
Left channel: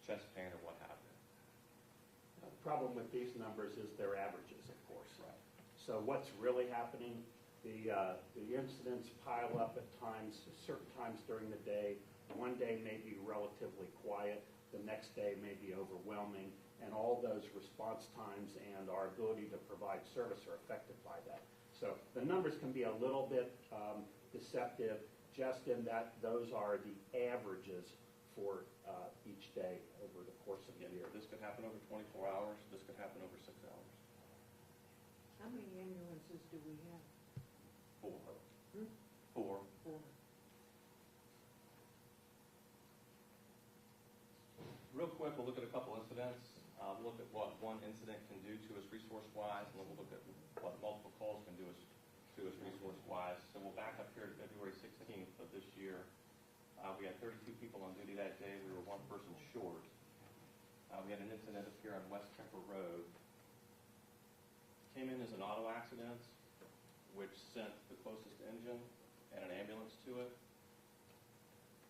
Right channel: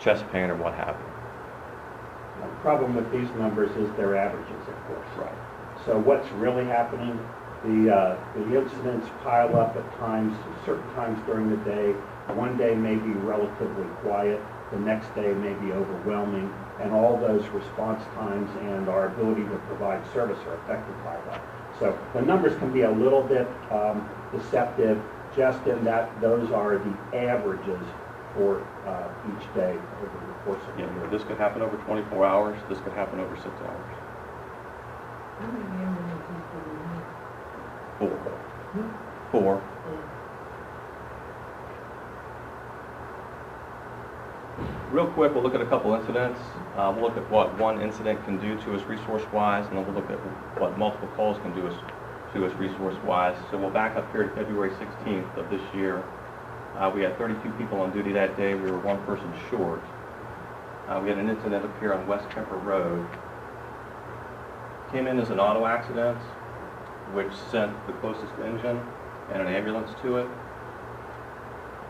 chest pain, or what have you. The problem with these numbers is they're averages, of course. Right. So what's really happening, the incidents pile up at times, certain times during the day. One day may be relatively quiet, the next day may be overwhelming, and all those response times and our ability to provide service are affected by that. So the numbers can be a little bit deceptive, just in that those are the averages for each day over the course of the year. This could happen over 24 hours. This could happen over 6 hours. How many ambulances do we have? 4. Real quick, we'll look at a couple incidents. We'll look at what one incident can do to us resource-wise, and then we'll look at what multiple calls can do to us resource-wise. So we'll back up here to February 16th of this year. We had 32 people on duty that day. We were 1 person short. We had an incident up here on West Kemper Road. Came in as an auto accident, which sent the closest engine and an ambulance to it.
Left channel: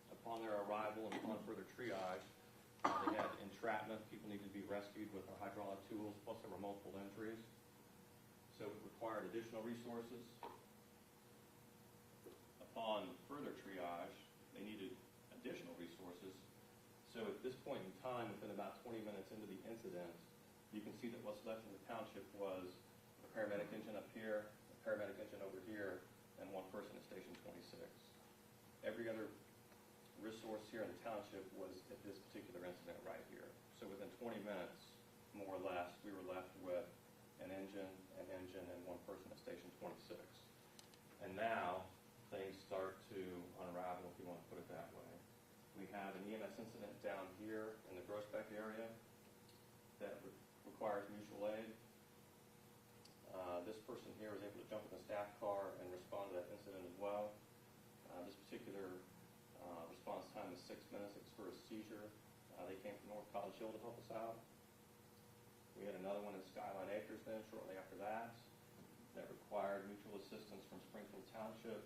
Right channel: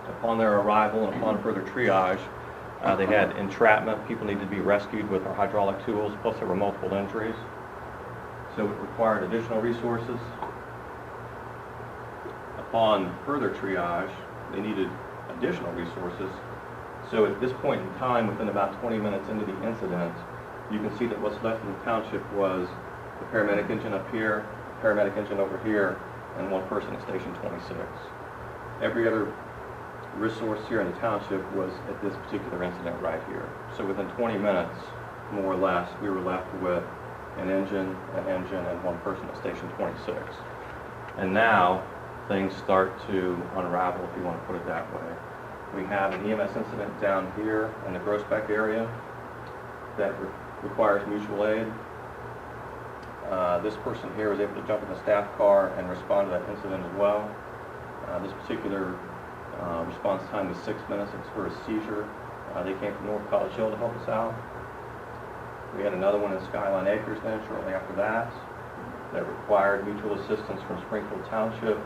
Upon their arrival and upon further triage, they had entrapment. People needed to be rescued with our hydraulic tools, plus there were multiple injuries. So it required additional resources. Upon further triage, they needed additional resources. So at this point in time, within about 20 minutes into the incident, you can see that what's left in the township was the paramedic engine up here, paramedic engine over here, and 1 person at station 26. Every other resource here in the township was at this particular incident right here. So within 20 minutes, more or less, we were left with an engine, and 1 person at station 26. And now, things start to unravel, if you want to put it that way. We have an EMS incident down here in the Groesbeck area that requires mutual aid. This person here was able to jump in the staff car and respond to that incident as well. This particular response time was 6 minutes. It was for a seizure. They came from North College Hill to help us out. We had another one in Skyline Acres then shortly after that required mutual assistance from Springfield Township.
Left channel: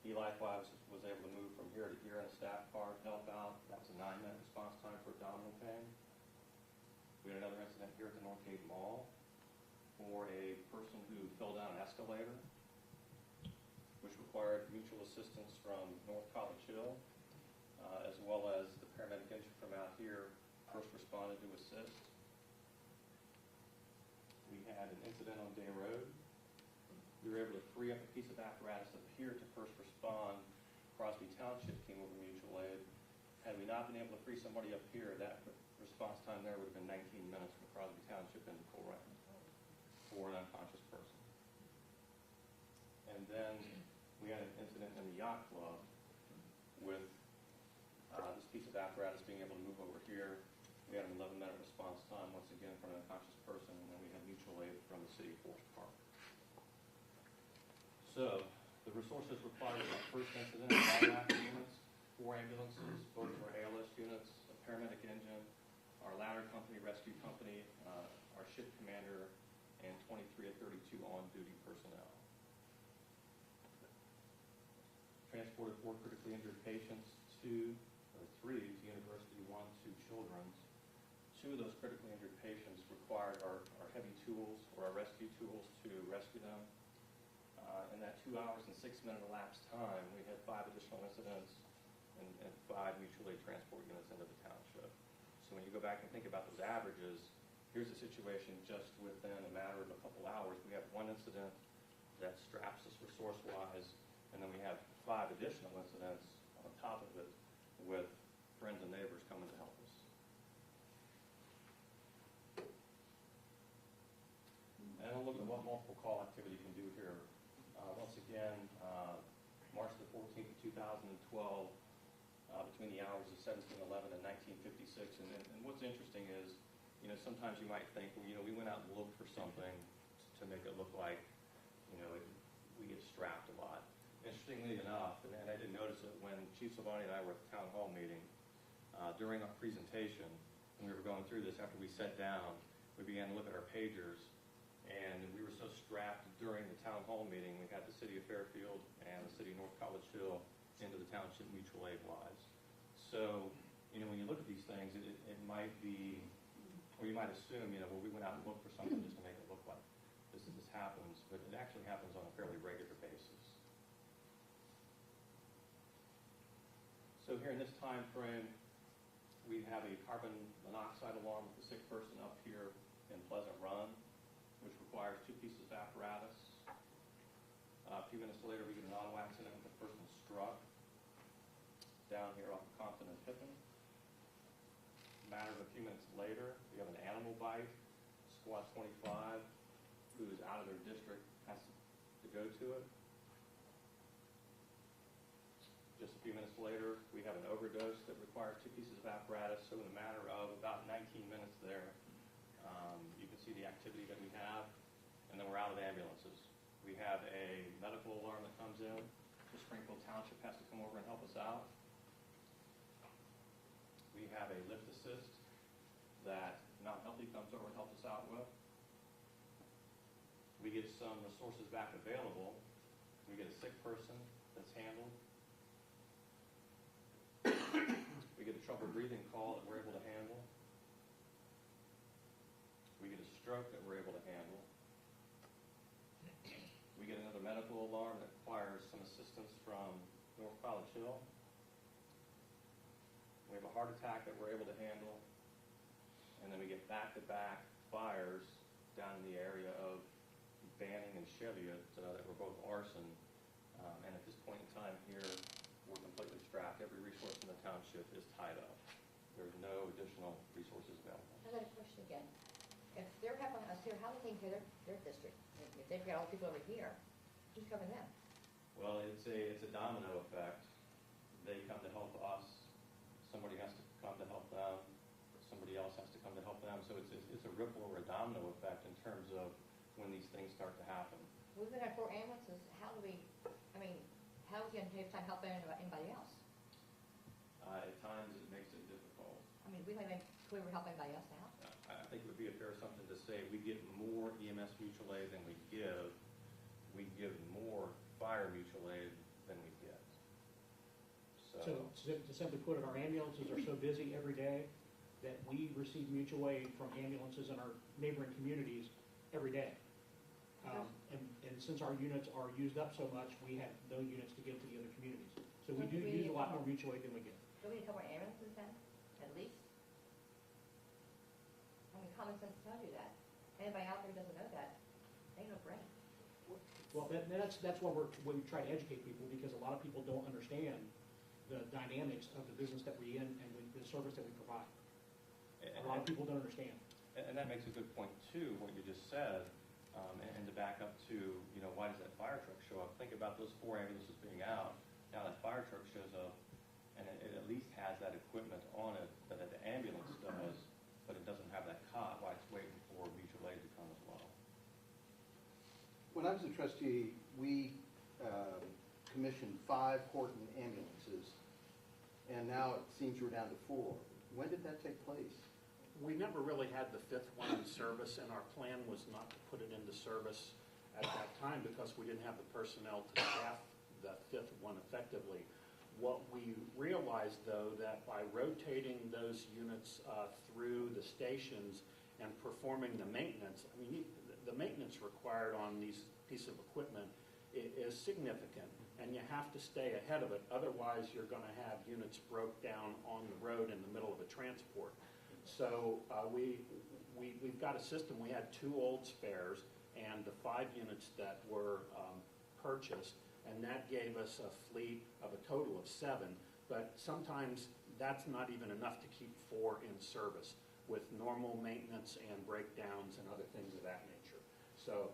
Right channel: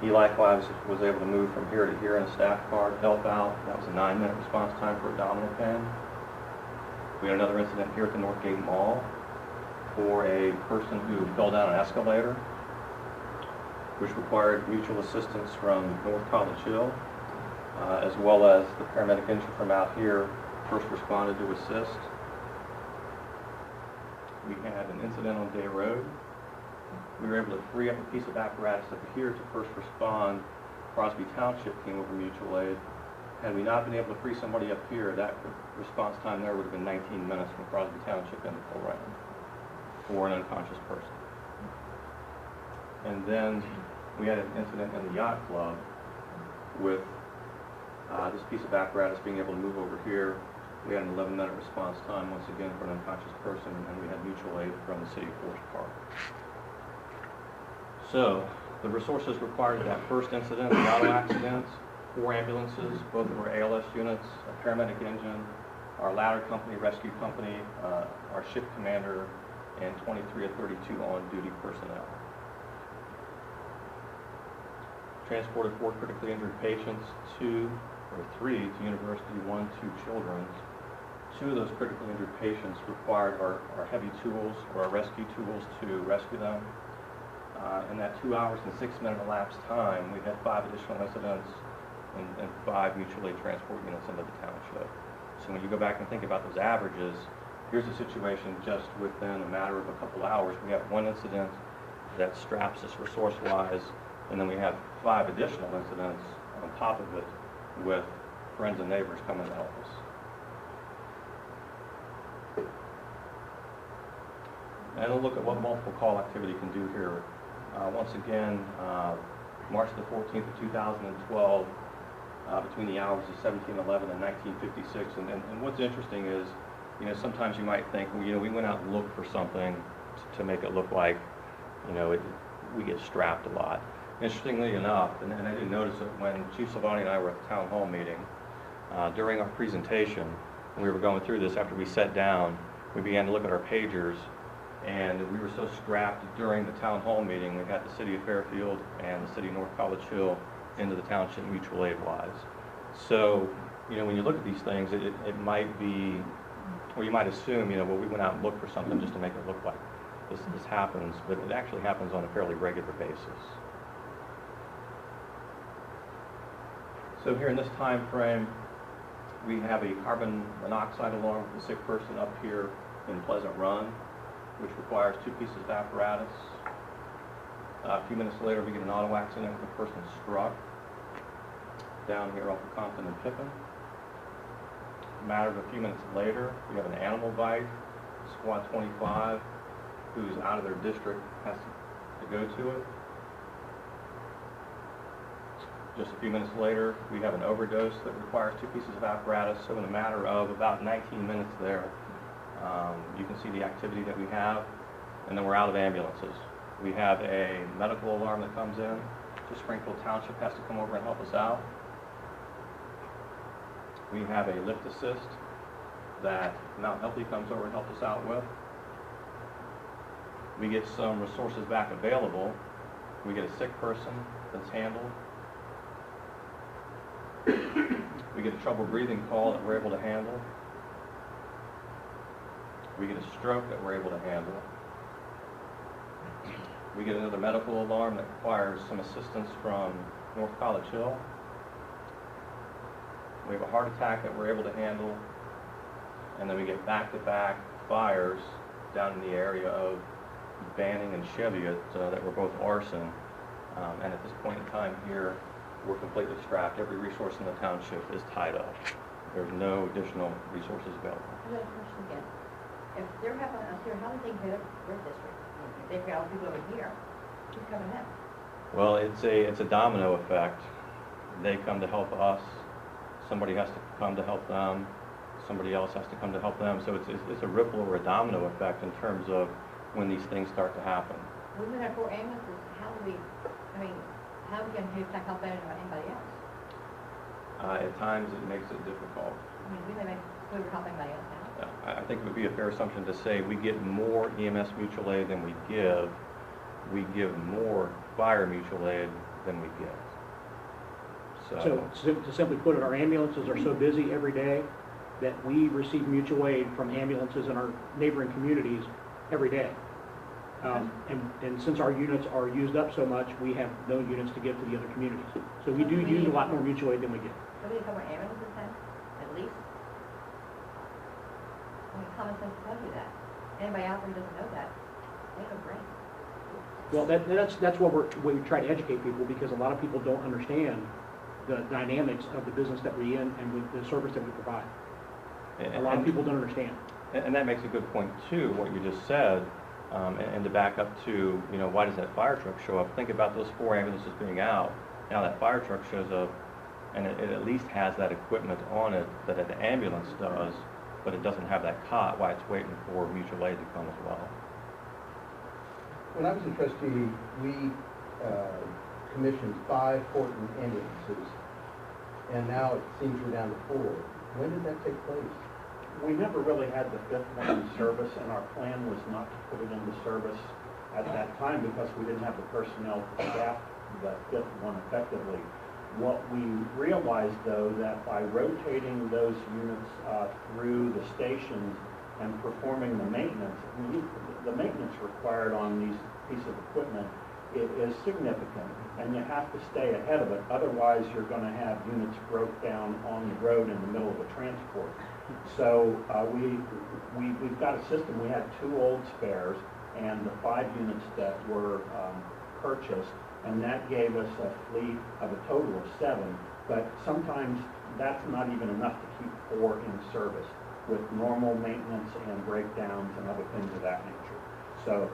He likewise was able to move from here to here in a staff car to help out. That was a 9-minute response time for abdominal pain. We had another incident here at the Northgate Mall for a person who fell down an escalator, which required mutual assistance from North College Hill, as well as the paramedic engine from out here first responded to assist. We had an incident on Day Road. We were able to free up a piece of apparatus up here to first respond. Crosby Township came over mutual aid. Had we not been able to free somebody up here, that response time there would have been 19 minutes from Crosby Township into Colerain for an unconscious person. And then we had an incident in the yacht club with this piece of apparatus being able to move over here. We had an 11-minute response time once again for an unconscious person, and we had mutual aid from the City of Forest Park. So the resources required for that first incident, the auto accident, 4 ambulances, both of our ALS units, a paramedic engine, our ladder company, rescue company, our ship commander, and 23 of 32 on-duty personnel. Transported 4 critically injured patients, 3 to University, 1 to Children's. 2 of those critically injured patients required our heavy tools or our rescue tools to rescue them. In that 2 hours and 6-minute elapsed time, we had 5 additional incidents and 5 mutual aid transport units into the township. So when you go back and think about those averages, here's a situation just within a matter of a couple hours. We have 1 incident that straps us resource-wise, and then we have 5 additional incidents on top of it with friends and neighbors coming to help us. And a look at what multiple call activity can do here. Once again, March the 14th of 2012, between the hours of 1711 and 1956. And what's interesting is, you know, sometimes you might think, well, you know, we went out and looked for something to make it look like, you know, we get strapped a lot. Interestingly enough, and I didn't notice it when Chief Silvani and I were at the town hall meeting, during our presentation, when we were going through this, after we sat down, we began to look at our pagers, and we were so strapped during the town hall meeting, we had the city of Fairfield and the city of North College Hill into the township mutual aid wise. So, you know, when you look at these things, it might be, or you might assume, you know, well, we went out and looked for something just to make it look like this happens, but it actually happens on a fairly regular basis. So here in this time frame, we have a carbon monoxide alarm for the sick person up here in Pleasant Run, which requires 2 pieces of apparatus. A few minutes later, we get an auto accident with a person struck down here off of Compton and Pippin. A matter of a few minutes later, we have an animal bite. Squad 25, who's out of their district, has to go to it. Just a few minutes later, we have an overdose that requires 2 pieces of apparatus. So in a matter of about 19 minutes there, you can see the activity that we have, and then we're out of ambulances. We have a medical alarm that comes in. So Springfield Township has to come over and help us out. We have a lift assist that Mount Healthy comes over and helps us out with. We get some resources back available. We get a sick person that's handled. We get a trouble breathing call that we're able to handle. We get a stroke that we're able to handle. We get another medical alarm that requires some assistance from North College Hill. We have a heart attack that we're able to handle. And then we get back-to-back fires down in the area of Banning and Cheviot that were both arson. And at this point in time here, we're completely strapped. Every resource in the township is tied up. There's no additional resources available. I got a question again. If they're having us here, how do they get your district? If they've got all people over here, who's coming in? Well, it's a domino effect. They come to help us. Somebody has to come to help them. Somebody else has to come to help them. So it's a ripple or a domino effect in terms of when these things start to happen. We've been there 4 ambulances. How do we, how are we going to help anybody else? At times, it makes it difficult. We may make we would help anybody else now. I think it would be a fair assumption to say we get more EMS mutual aid than we give. We give more fire mutual aid than we give. So to simply put it, our ambulances are so busy every day that we receive mutual aid from ambulances in our neighboring communities every day. And since our units are used up so much, we have no units to give to the other communities. So we do use a lot more mutual aid than we get. So we need more ambulances then, at least? Common sense tells you that. Anybody out there who doesn't know that, they have a brain. Well, that's what we try to educate people, because a lot of people don't understand the dynamics of the business that we're in and with the service that we provide. A lot of people don't understand. And that makes a good point too, what you just said. And to back up to, you know, why does that fire truck show up? Think about those 4 ambulances being out. Now that fire truck shows up, and it at least has that equipment on it that an ambulance does, but it doesn't have that cot while it's waiting for mutual aid to come as well. When I was a trustee, we commissioned 5 Horton ambulances, and now it seems we're down to 4. When did that take place? We never really had the fifth one in service, and our plan was not to put it into service at that time because we didn't have the personnel to staff the fifth one effectively. What we realized, though, that by rotating those units through the stations and performing the maintenance, the maintenance required on these pieces of equipment, it is significant, and you have to stay ahead of it. Otherwise, you're going to have units broke down on the road in the middle of a transport. So we've got a system. We had 2 old spares and the 5 units that were purchased, and that gave us a fleet of a total of 7. But sometimes that's not even enough to keep 4 in service with normal maintenance and breakdowns and other things of that nature. So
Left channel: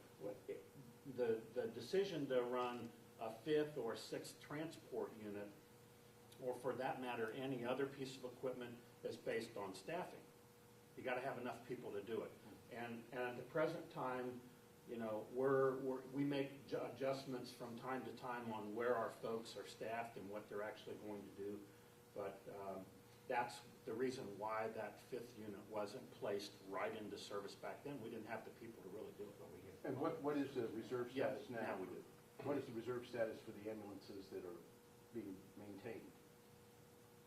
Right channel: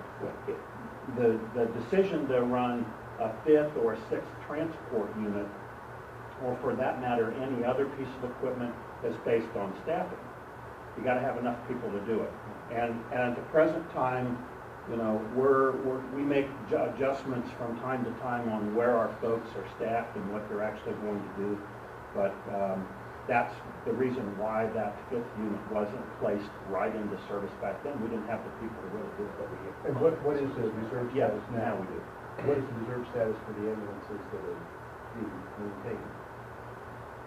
the decision to run a 5th or 6th transport unit, or for that matter, any other piece of equipment, is based on staffing. You got to have enough people to do it. And at the present time, you know, we make adjustments from time to time on where our folks are staffed and what they're actually going to do. But that's the reason why that 5th unit wasn't placed right into service back then. We didn't have the people to really do it. But And what is the reserve yeah, status now now? we do. What is the reserve status for the ambulances that are being maintained?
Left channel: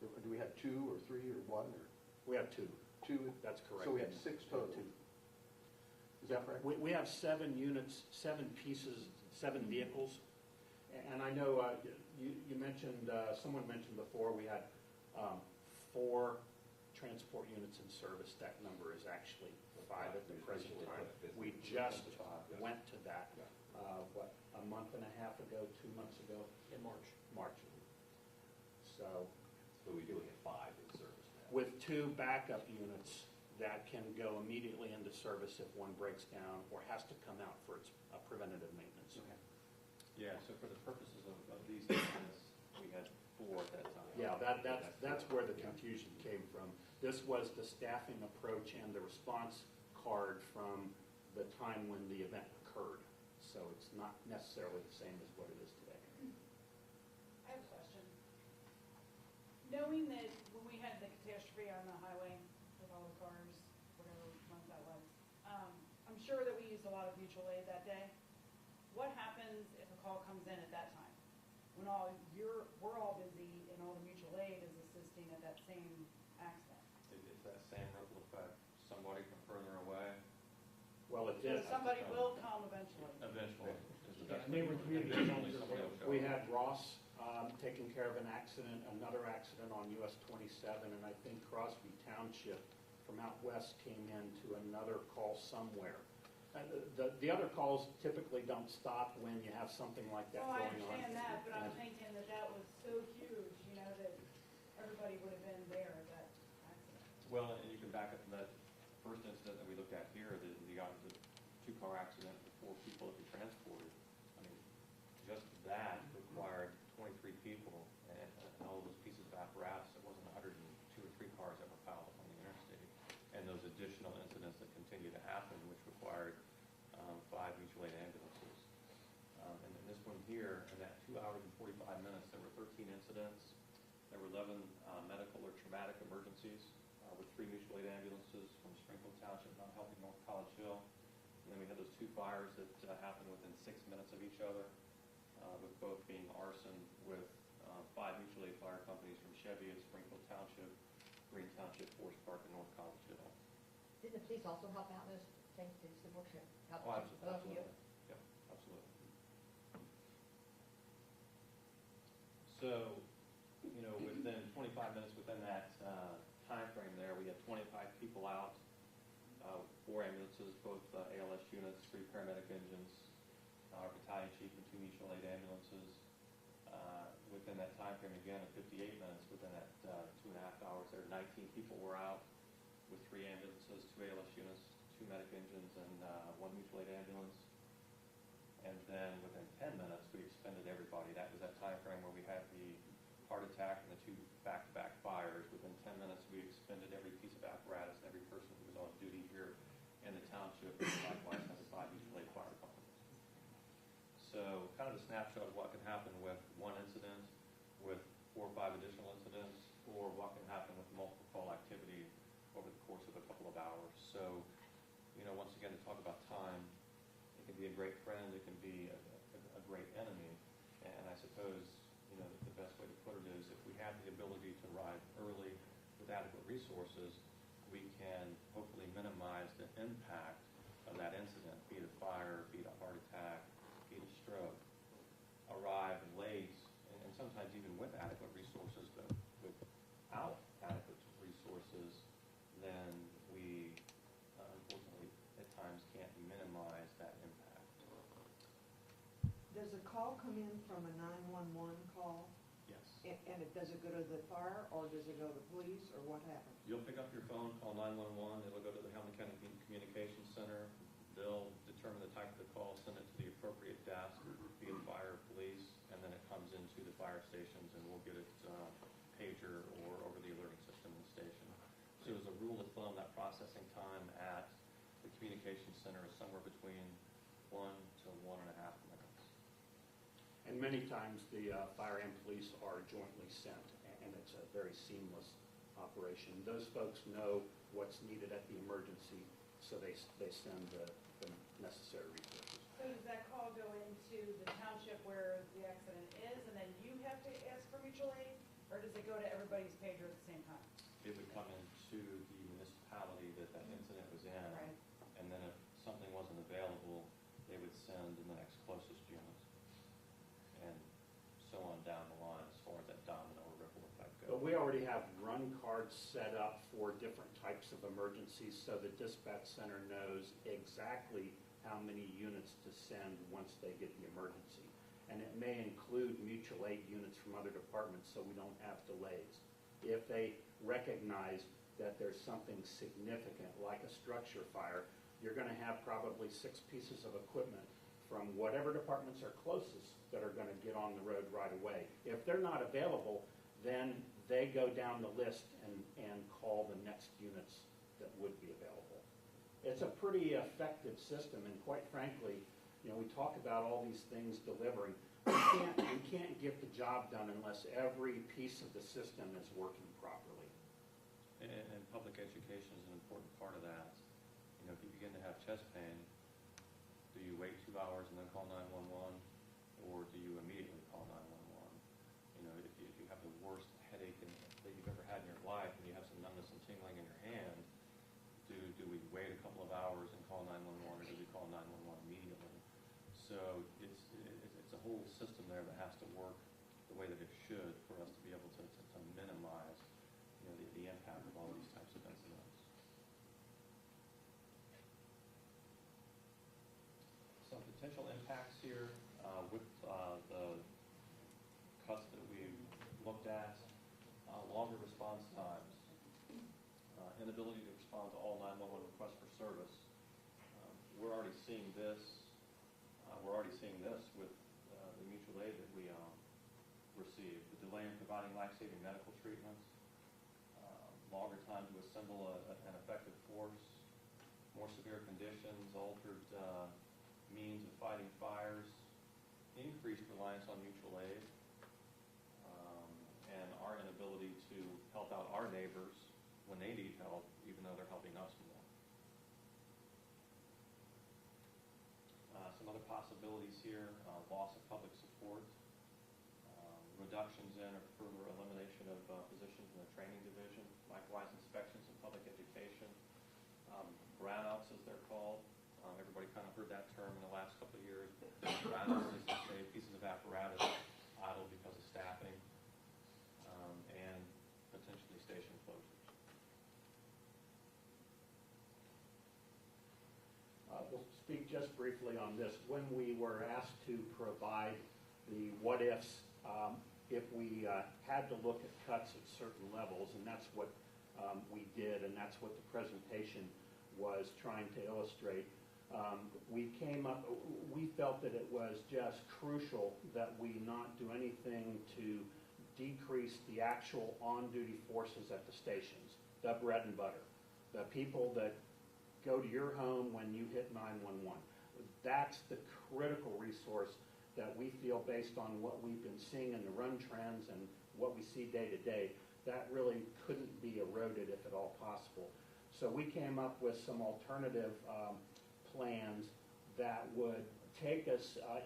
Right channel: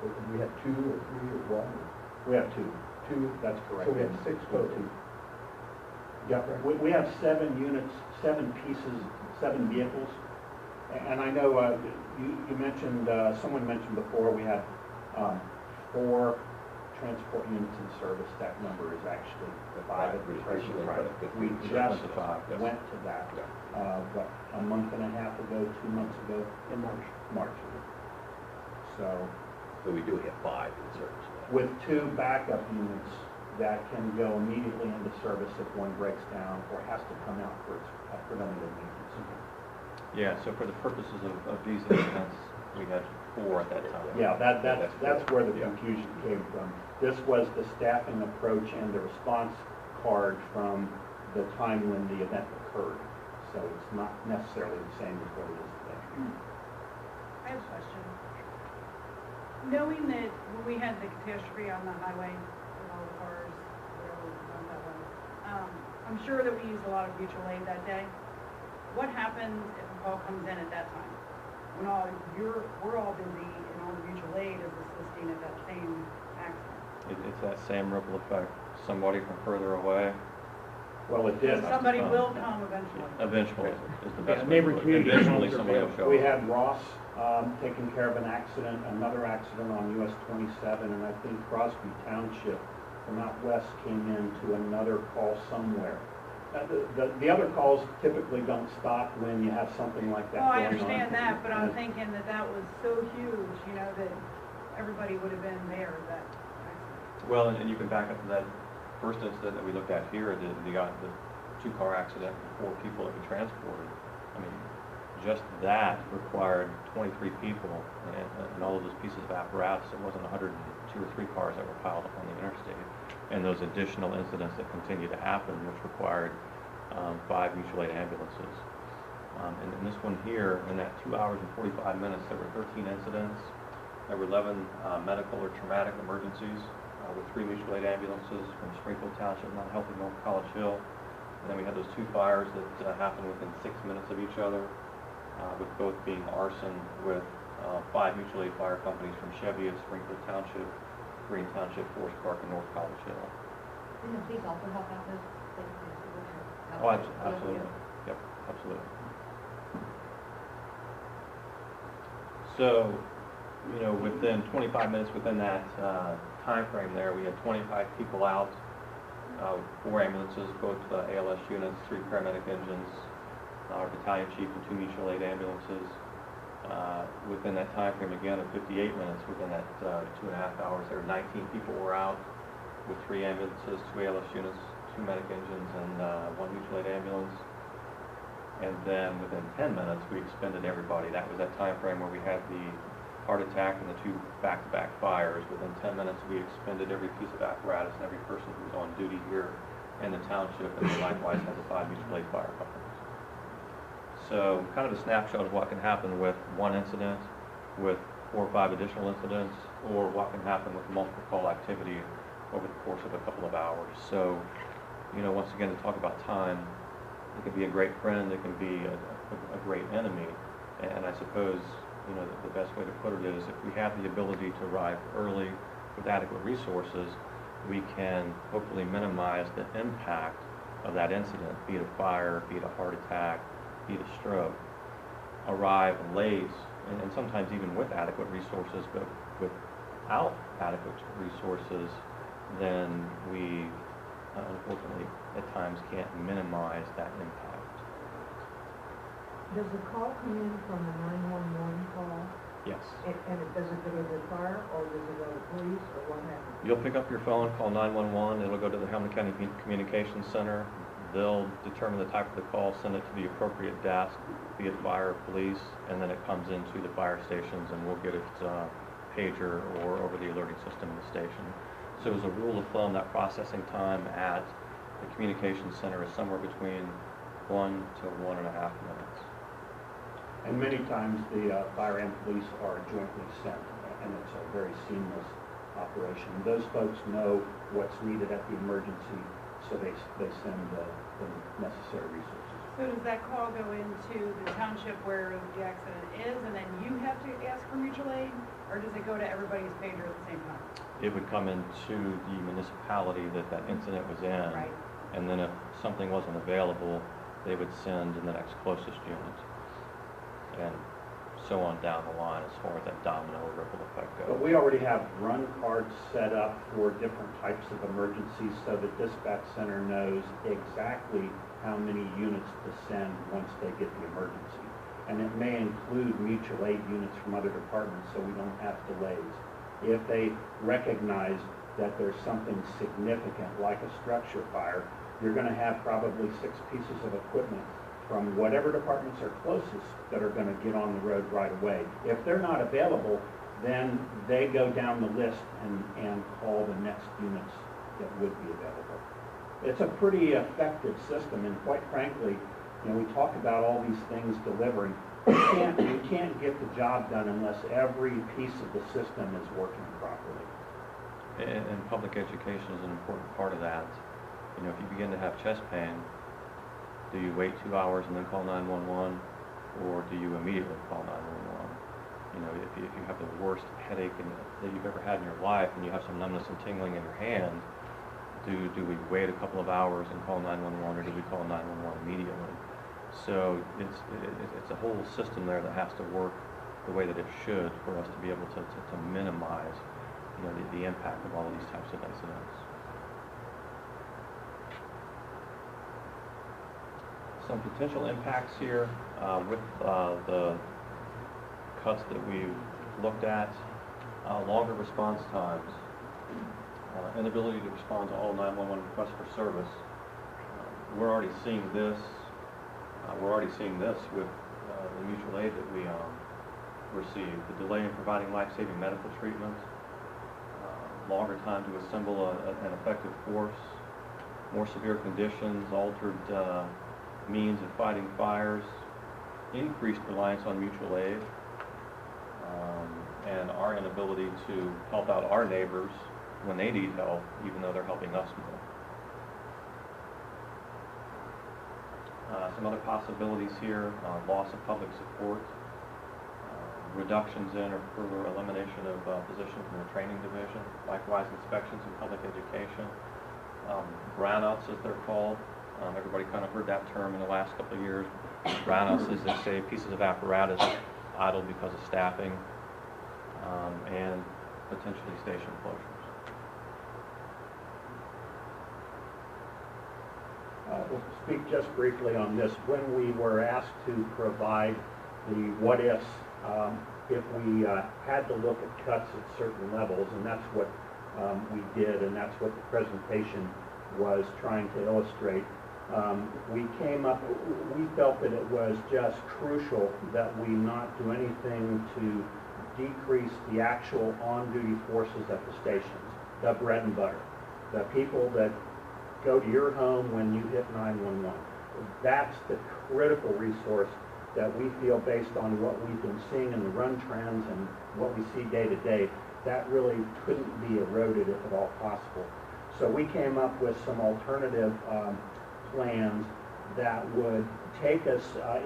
Do we have 2 or 3 or 1? We have 2. 2? That's correct. So we have 6 total. Yeah, we have 7 units, 7 pieces, 7 vehicles. And I know you mentioned, someone mentioned before, we had 4 transport units in service. That number is actually 5 at the present time. We just went to that, what, a month and a half ago, 2 months ago? In March. March. So we do have 5 in service now. with 2 backup units that can go immediately into service if one breaks down or has to come out for its preventative maintenance. Yeah, so for the purposes of these incidents, we had 4 at that time. Yeah, that's where the confusion came from. This was the staffing approach and the response card from the time when the event occurred. So it's not necessarily the same as what it is today. I have a question. Knowing that when we had the catastrophe on the highway with all the cars, whatever that was, I'm sure that we used a lot of mutual aid that day. What happens if a call comes in at that time? When we're all busy and all the mutual aid is assisting at that same accident. It's that same ripple effect. Somebody from further away, Well, it did. Somebody will come eventually. eventually is the best way to neighboring put it. community Eventually, homes are somebody will show We up. had Ross taking care of an accident, another accident on US 27, and I think Crosby Township from out west came in to another call somewhere. The other calls typically don't stop when you have something like that Well, going I on. understand that, but I'm And- thinking that was so huge, you know, that everybody would have been there that accident. Well, and you can back up to that first incident that we looked at here, the 2-car accident, 4 people that we transported. I mean, just that required 23 people and all of those pieces of apparatus. It wasn't 102 or 3 cars that were piled up on the interstate. And those additional incidents that continue to happen, which required 5 mutual aid ambulances. And in this one here, in that 2 hours and 45 minutes, there were 13 incidents. There were 11 medical or traumatic emergencies with 3 mutual aid ambulances from Springfield Township, Mount Healthy, North College Hill. And then we had those 2 fires that happened within 6 minutes of each other, with both being arson, with 5 mutual aid fire companies from Chevy of Springfield Township, Colerain Township, Forest Park, and North College Hill. Didn't the police also help out those things? Oh, absolutely. Yep, absolutely. So, you know, within 25 minutes within that time frame there, we had 25 people out, 4 ambulances, both ALS units, 3 paramedic engines, our battalion chief and 2 mutual aid ambulances. Within that time frame, again, of 58 minutes, within that 2.5 hours, there were 19 people were out with 3 ambulances, 2 ALS units, 2 medic engines, and 1 mutual aid ambulance. And then within 10 minutes, we expended everybody. That was that time frame where we had the heart attack and the 2 back-to-back fires. Within 10 minutes, we expended every piece of apparatus and every person who was on duty here in the township, and we likewise had the 5 mutual aid fire companies. So kind of a snapshot of what can happen with 1 incident, with 4 or 5 additional incidents, or what can happen with multiple call activity over the course of a couple of hours. So, once again, to talk about time, it can be a great friend, it can be a great enemy. And I suppose, the best way to put it is if we have the ability to arrive early with adequate resources, we can hopefully minimize the impact of that incident, be it a fire, be it a heart attack, be it a stroke. Arrive late, and sometimes even with adequate resources, but without adequate resources, then we unfortunately at times can't minimize that impact. Does the call come in from a 911 call? Yes. And does it go to the fire, or does it go to police, or what happens? You'll pick up your phone, call 911, it'll go to the Hamilton County Communications Center. They'll determine the type of the call, send it to the appropriate desk, be it fire or police, and then it comes into the fire stations, and we'll get it pager or over the alerting system in the station. So as a rule of thumb, that processing time at the communications center is somewhere between 1 to 1.5 minutes. And many times the fire and police are jointly sent, and it's a very seamless operation. Those folks know what's needed at the emergency, so they send the necessary resources. So does that call go into the township where the accident is, and then you have to ask for mutual aid? Or does it go to everybody's pager at the same time? It would come into the municipality that incident was in. Right. And then if something wasn't available, they would send in the next closest unit. And so on down the line as far as that domino ripple effect goes. But we already have run cards set up for different types of emergencies, so the dispatch center knows exactly how many units to send once they get the emergency. And it may include mutual aid units from other departments, so we don't have delays. If they recognize that there's something significant, like a structure fire, you're gonna have probably 6 pieces of equipment from whatever departments are closest that are gonna get on the road right away. If they're not available, then they go down the list and call the next units that would be available. It's a pretty effective system, and quite frankly, we talk about all these things delivering. We can't get the job done unless every piece of the system is working properly. And public education is an important part of that. If you begin to have chest pain, do you wait 2 hours and then call 911, or do you immediately call 911? If you have the worst headache that you've ever had in your life, and you have some numbness and tingling in your hand, do we wait a couple of hours and call 911, or do we call 911 immediately? So it's a whole system there that has to work the way that it should for us to be able to minimize the impact of all of these types of incidents. Some potential impacts here with the cuts that we've looked at, longer response times, inability to respond to all 911 requests for service. We're already seeing this. With the mutual aid that we receive. The delay in providing life-saving medical treatment, longer time to assemble an effective force, more severe conditions, altered means of fighting fires, increased reliance on mutual aid, and our inability to help out our neighbors when they need help, even though they're helping us more. Some other possibilities here, loss of public support, reductions in or further elimination of positions in the training division, likewise inspections in public education, brownouts as they're called. Everybody kind of heard that term in the last couple of years. Brownouts, as they say, pieces of apparatus idle because of staffing, and potentially station closures. We'll speak just briefly on this. When we were asked to provide the what-ifs, if we had to look at cuts at certain levels, and that's what we did, and that's what the presentation was trying to illustrate, we felt that it was just crucial that we not do anything to decrease the actual on-duty forces at the stations, the bread and butter, the people that go to your home when you hit 911. That's the critical resource that we feel, based on what we've been seeing in the run trends and what we see day to day, that really couldn't be eroded if at all possible. So we came up with some alternative plans that would take us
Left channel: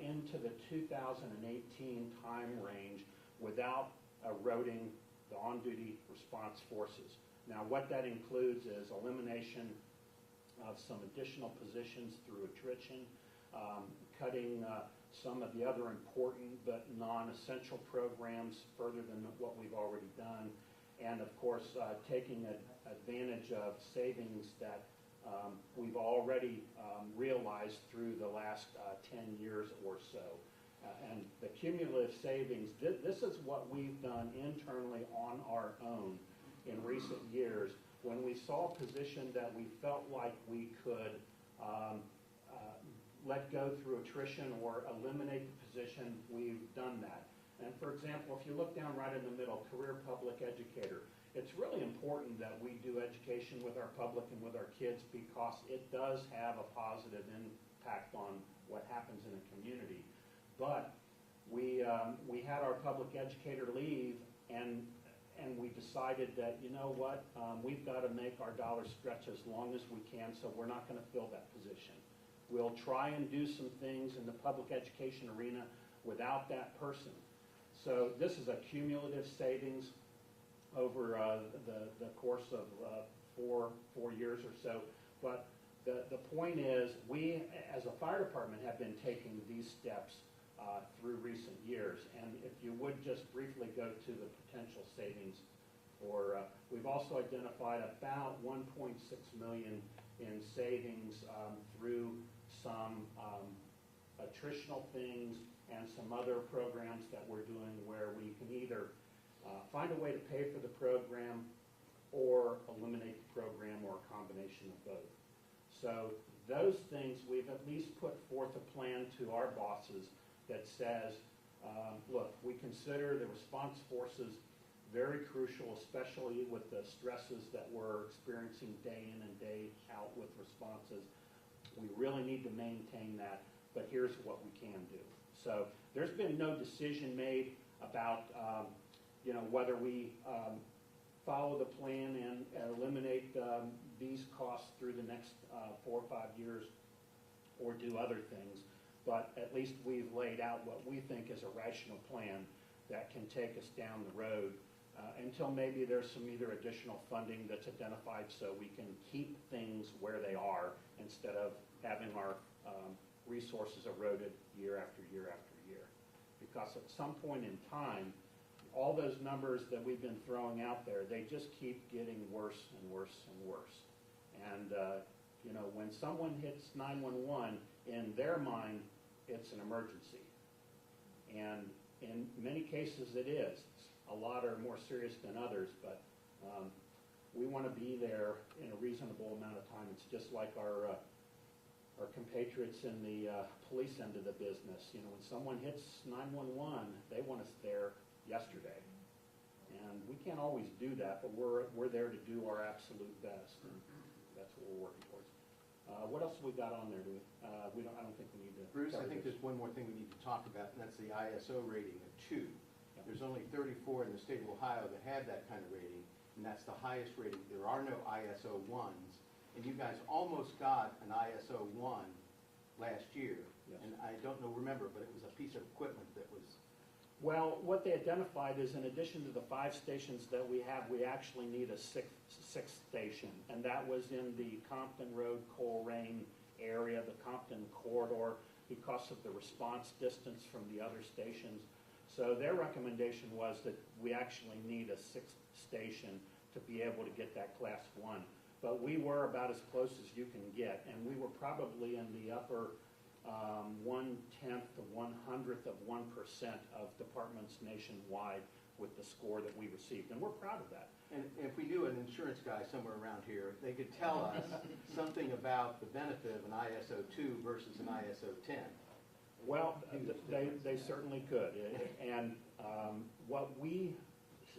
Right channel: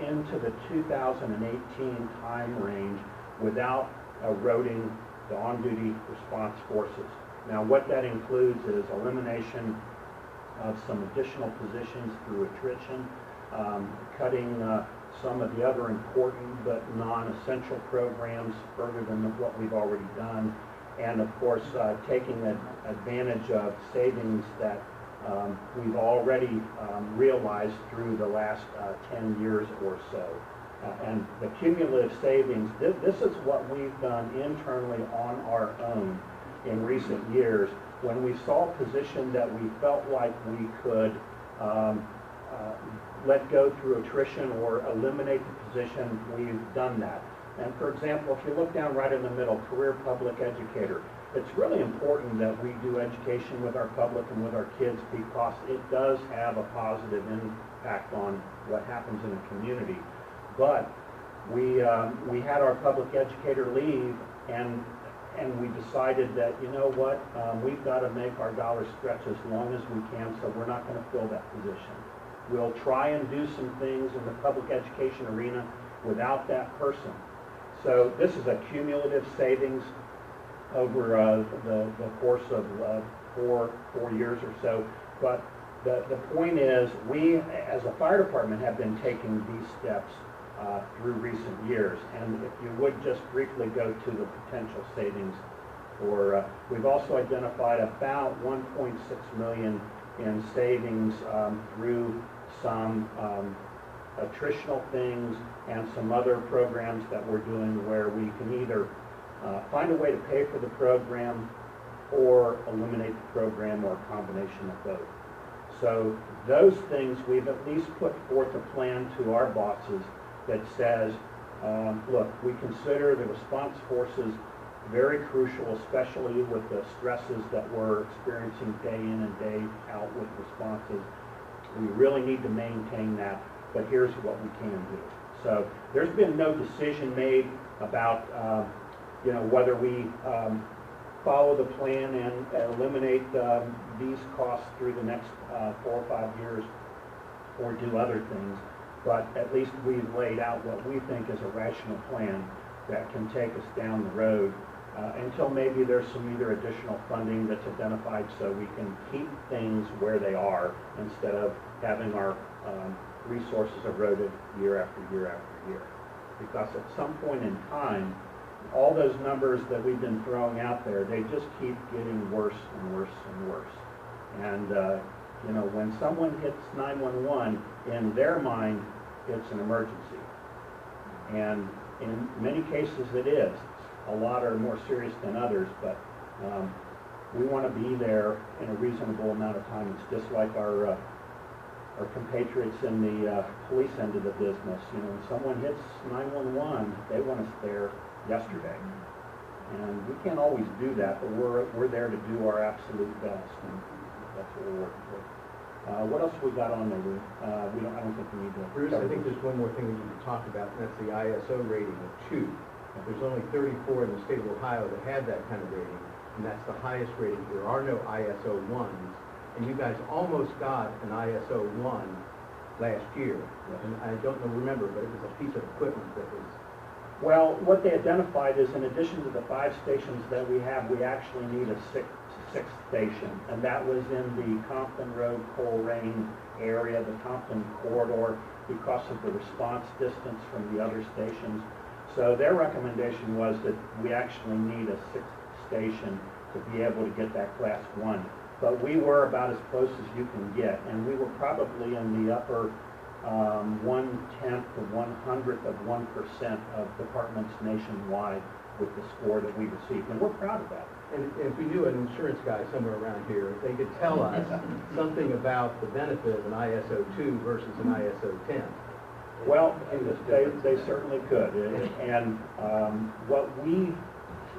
into the 2018 time range without eroding the on-duty response forces. Now, what that includes is elimination of some additional positions through attrition, cutting some of the other important but non-essential programs further than what we've already done, and of course taking advantage of savings that we've already realized through the last 10 years or so. And the cumulative savings, this is what we've done internally on our own in recent years. When we saw a position that we felt like we could let go through attrition or eliminate the position, we've done that. And for example, if you look down right in the middle, career public educator, it's really important that we do education with our public and with our kids because it does have a positive impact on what happens in a community. But we had our public educator leave, and we decided that, you know what, we've got to make our dollars stretch as long as we can, so we're not going to fill that position. We'll try and do some things in the public education arena without that person. So this is a cumulative savings over the course of 4 years or so. But the point is, we as a fire department have been taking these steps through recent years. And if you would just briefly go to the potential savings, or we've also identified about 1.6 million in savings through some attritional things and some other programs that we're doing where we can either find a way to pay for the program or eliminate the program, or a combination of both. So those things, we've at least put forth a plan to our bosses that says, look, we consider the response forces very crucial, especially with the stresses that we're experiencing day in and day out with responses. We really need to maintain that, but here's what we can do. So there's been no decision made about whether we follow the plan and eliminate these costs through the next 4 or 5 years, or do other things. But at least we've laid out what we think is a rational plan that can take us down the road until maybe there's some either additional funding that's identified so we can keep things where they are instead of having our resources eroded year after year after year. Because at some point in time, all those numbers that we've been throwing out there, they just keep getting worse and worse and worse. And when someone hits 911, in their mind, it's an emergency. And in many cases it is. A lot are more serious than others, but we want to be there in a reasonable amount of time. It's just like our compatriots in the police end of the business. When someone hits 911, they want us there yesterday. And we can't always do that, but we're there to do our absolute best, and that's what we're working with. What else we got on there? I don't think we need to. Bruce, I think there's one more thing we need to talk about, and that's the ISO rating of 2. There's only 34 in the state of Ohio that have that kind of rating, and that's the highest rating. There are no ISO 1s, and you guys almost got an ISO 1 last year. And I don't remember, but it was a piece of equipment that was... Well, what they identified is, in addition to the 5 stations that we have, we actually need a sixth station, and that was in the Compton Road, Colerain area, the Compton corridor, because of the response distance from the other stations. So their recommendation was that we actually need a 6th station to be able to get that class 1. But we were about as close as you can get, and we were probably in the upper 1/10 to 1/100th of 1% of departments nationwide with the score that we received, and we're proud of that. And if we knew an insurance guy somewhere around here, if they could tell us something about the benefit of an ISO 2 versus an ISO 10. Well, they certainly could, and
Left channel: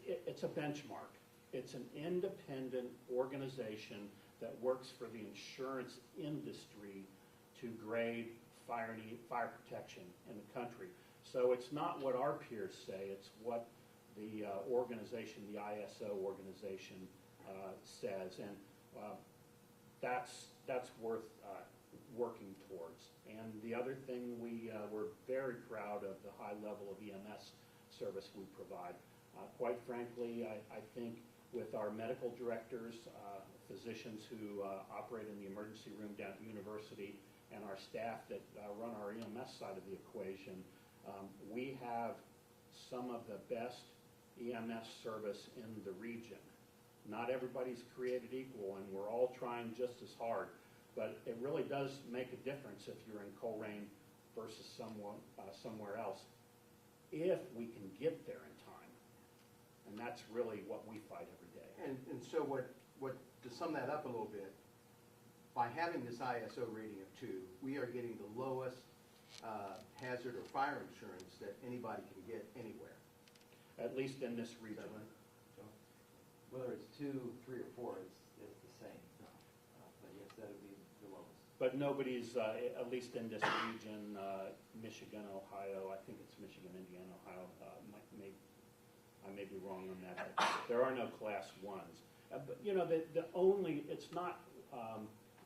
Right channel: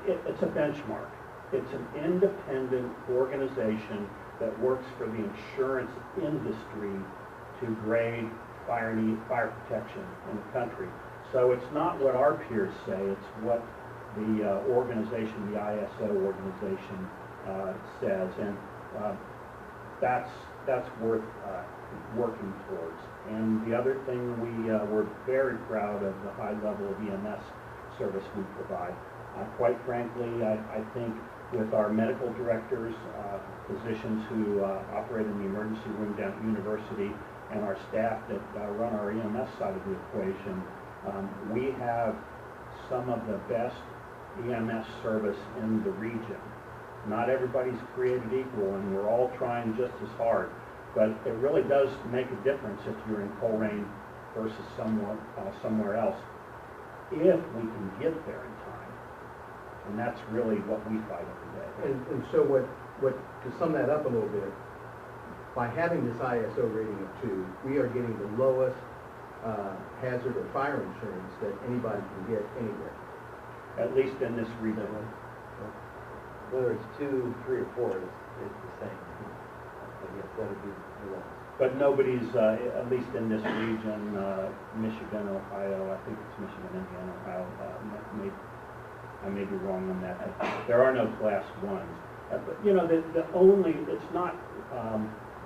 it's a benchmark. It's an independent organization that works for the insurance industry to grade fire protection in the country. So it's not what our peers say, it's what the organization, the ISO organization, says. And that's worth working towards. And the other thing, we're very proud of the high level of EMS service we provide. Quite frankly, I think with our medical directors, physicians who operate in the emergency room down at University, and our staff that run our EMS side of the equation, we have some of the best EMS service in the region. Not everybody's created equal, and we're all trying just as hard, but it really does make a difference if you're in Colerain versus somewhere else, if we can get there in time. And that's really what we fight every day. And so to sum that up a little bit, by having this ISO rating of 2, we are getting the lowest hazard or fire insurance that anybody can get anywhere. At least in this region. Whether it's 2, 3, or 4, it's the same. I guess that would be the lowest. But nobody's, at least in this region, Michigan, Ohio, I think it's Michigan, Indiana, Ohio, I may be wrong on that, but there are no class 1s. But, you know, it's not,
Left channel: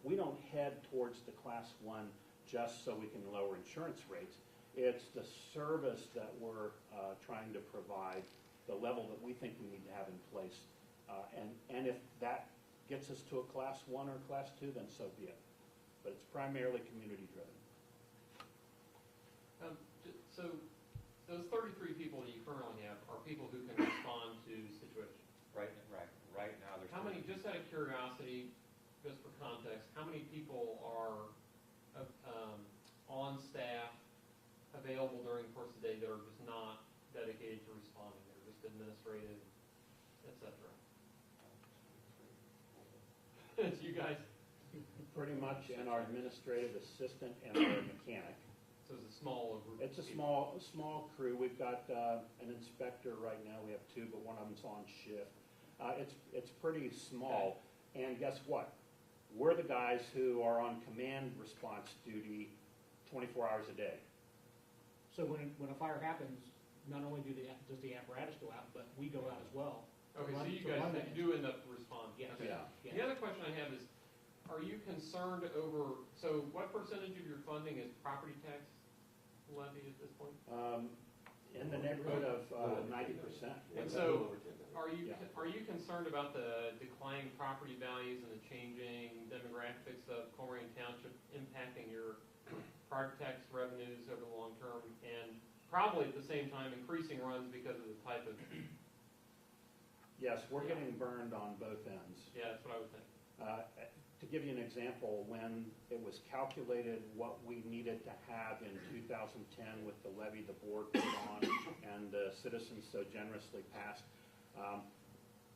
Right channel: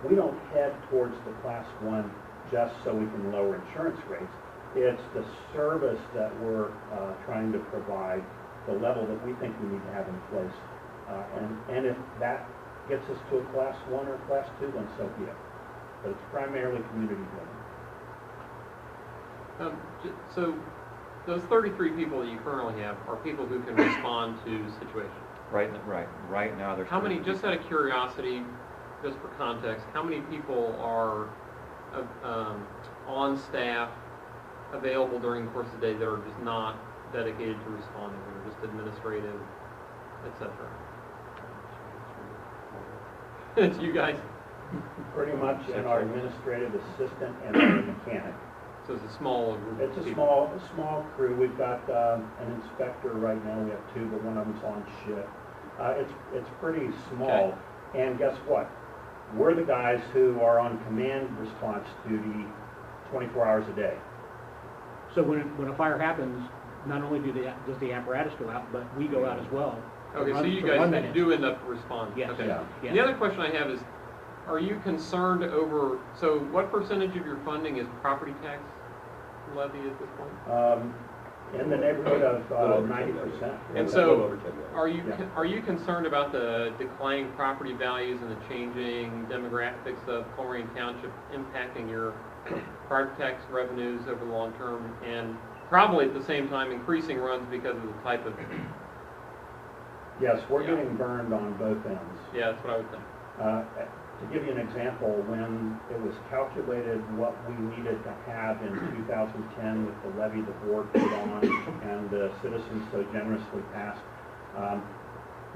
we don't head towards the class 1 just so we can lower insurance rates. It's the service that we're trying to provide, the level that we think we need to have in place. And if that gets us to a class 1 or class 2, then so be it. But it's primarily community driven. So those 33 people that you currently have are people who can respond to situations. Right now, there's. How many, just out of curiosity, just for context, how many people are on staff available during the course of the day that are just not dedicated to responding, that are just administrative, etc.? It's you guys. Pretty much in our administrative assistant and our mechanic. So it's a small group It's of a people. small crew. We've got an inspector right now. We have 2, but one of them's on shift. It's pretty small. Okay. And guess what? We're the guys who are on command response duty 24 hours a day. So when a fire happens, not only does the apparatus go out, but we go out as well. Okay, so you For guys 1 minute. do end up responding. Yes. Okay. Yeah. Yeah. The other question I have is, are you concerned over, so what percentage of your funding is property tax levy at this point? In the neighborhood of Little over 90%. 10,000. And A so, little over 10,000. Yeah. are you concerned about the declining property values and the changing demographics of Colerain Township impacting your property tax revenues over the long term, and probably at the same time increasing runs because of the type of, Yes, we're Yeah. getting burned on both ends. yeah, that's what I would think. To give you an example, when it was calculated what we needed to have in 2010 with the levy the board put on and the citizens so generously passed,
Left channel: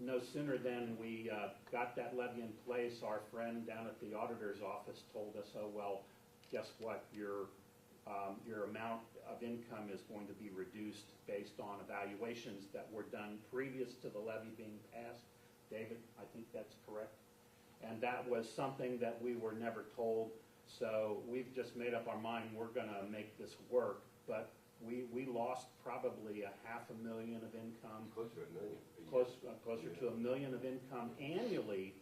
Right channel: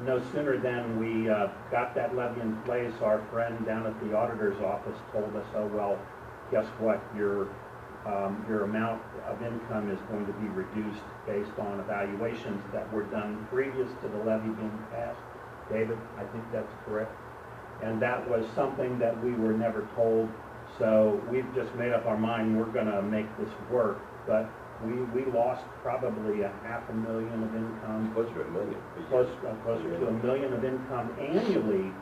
no sooner than we got that levy in place, our friend down at the auditor's office told us, oh, well, guess what, your amount of income is going to be reduced based on evaluations that were done previous to the levy being passed. David, I think that's correct. And that was something that we were never told, so we've just made up our mind we're going to make this work. But we lost probably $500,000 of income, Closer to $1 million. closer to $1 million of income annually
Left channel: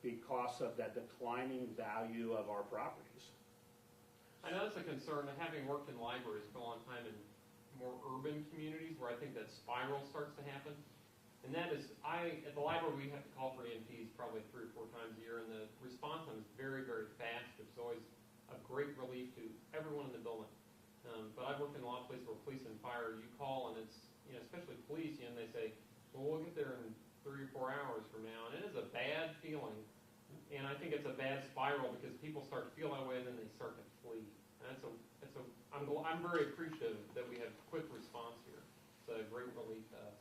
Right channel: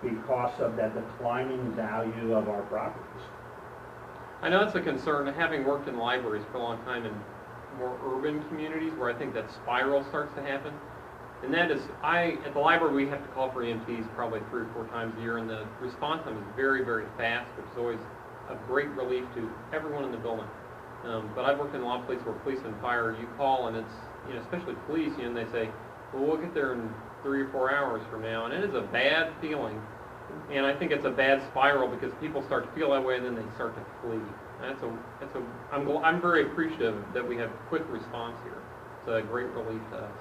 because of that declining value of our properties. I know it's a concern, having worked in libraries for a long time in more urban communities where I think that spiral starts to happen. And that is, at the library, we have to call for EMTs probably 3 or 4 times a year, and the response time is very, very fast, which is always a great relief to everyone in the building. But I've worked in a lot of places where police and fire, you call and it's, especially police, and they say, well, we'll get there in 3 or 4 hours from now, and it is a bad feeling. And I think it's a bad spiral because people start to feel that way and then they start to flee. And I'm very appreciative that we have quick response here. It's a great relief to us.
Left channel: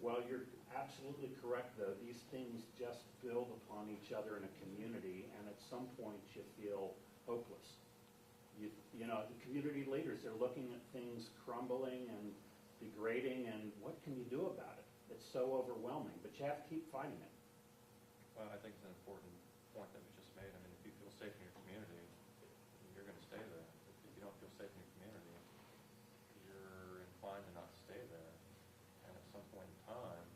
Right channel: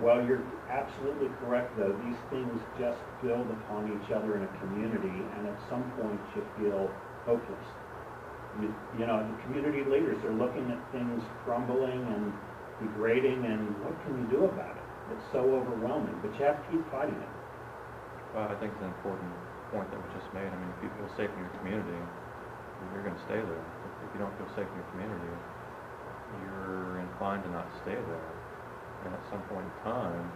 Well, you're absolutely correct, though. These things just build upon each other in a community, and at some point you feel hopeless. You know, the community leaders are looking at things crumbling and degrading, and what can you do about it? It's so overwhelming, but you have to keep fighting it. Well, I think it's an important point that was just made. I mean, if you feel safe in your community, you're going to stay there. If you don't feel safe in your community, you're inclined to not stay there. And at some point in time,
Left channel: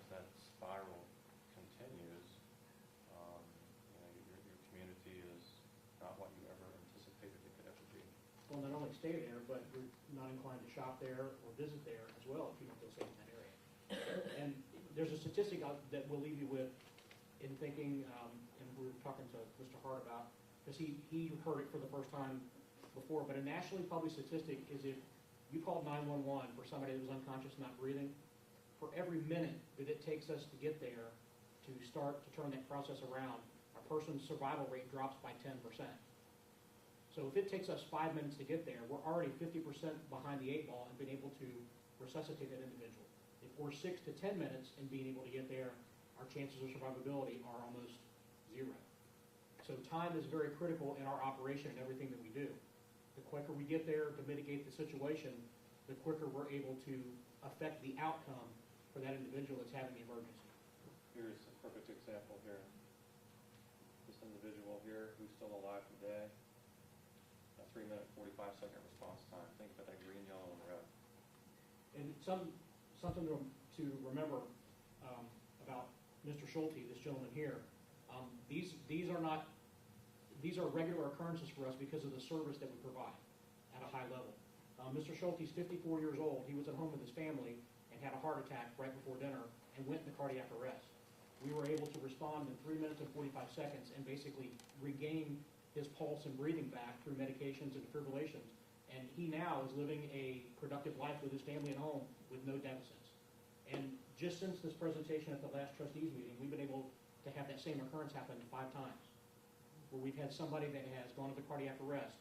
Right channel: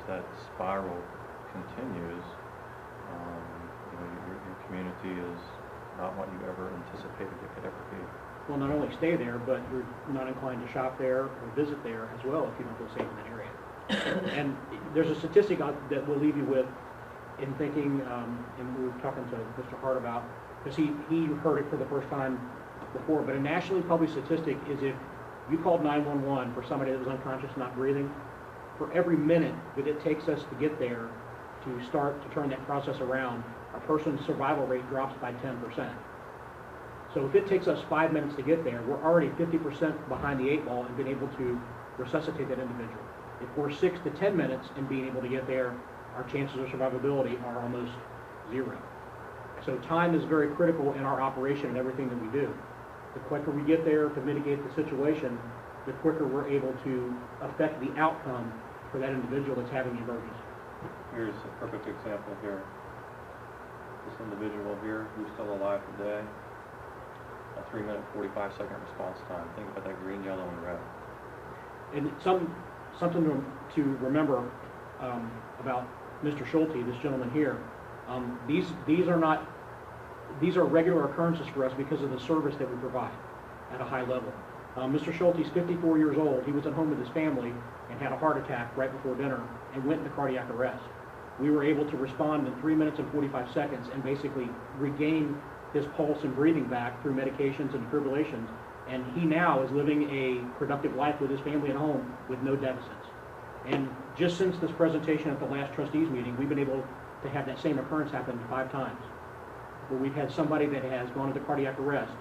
as that spiral continues, your community is not what you ever anticipated it could ever be. Well, not only stay there, but you're not inclined to shop there or visit there as well if you don't feel safe in that area. And there's a statistic that we'll leave you with in thinking, and we were talking to Mr. Hart about, because he heard it for the first time before, but a nationally published statistic is if you called 911 for somebody that was unconscious, not breathing, for every minute that it takes us to get there to start to turn that process around, a person's survival rate drops by 10%. So if it takes us 5 minutes to get there, we're already 50% behind the 8 ball and being able to resuscitate that individual. If we're 6 to 10 minutes in being able to get there, our chances of survivability are almost zero. So time is very critical in our operation and everything that we do. The quicker we get there to mitigate the situation, the quicker we're able to affect the outcome for that individual that's having the emergency. Here's a perfect example here. This individual here who's still alive today, a 3-minute, 45-second response time. Think about that green, yellow, and red. And something to remember about Mr. Schulte, this gentleman here, these are regular occurrences for us because of the service that we provide at a high level. Mr. Schulte's 54 years old. He was at home with his family and had a heart attack right before dinner and went into cardiac arrest. We were able to respond in 3 minutes and 45 seconds and basically regain his pulse and breathing back through medications and defibrillations. And he now is living a productive life with his family at home with no deficits. And just since this presentation at the last trustees meeting, we've been able to have that same occurrence happen 5 times, where we've had somebody that has gone into cardiac arrest,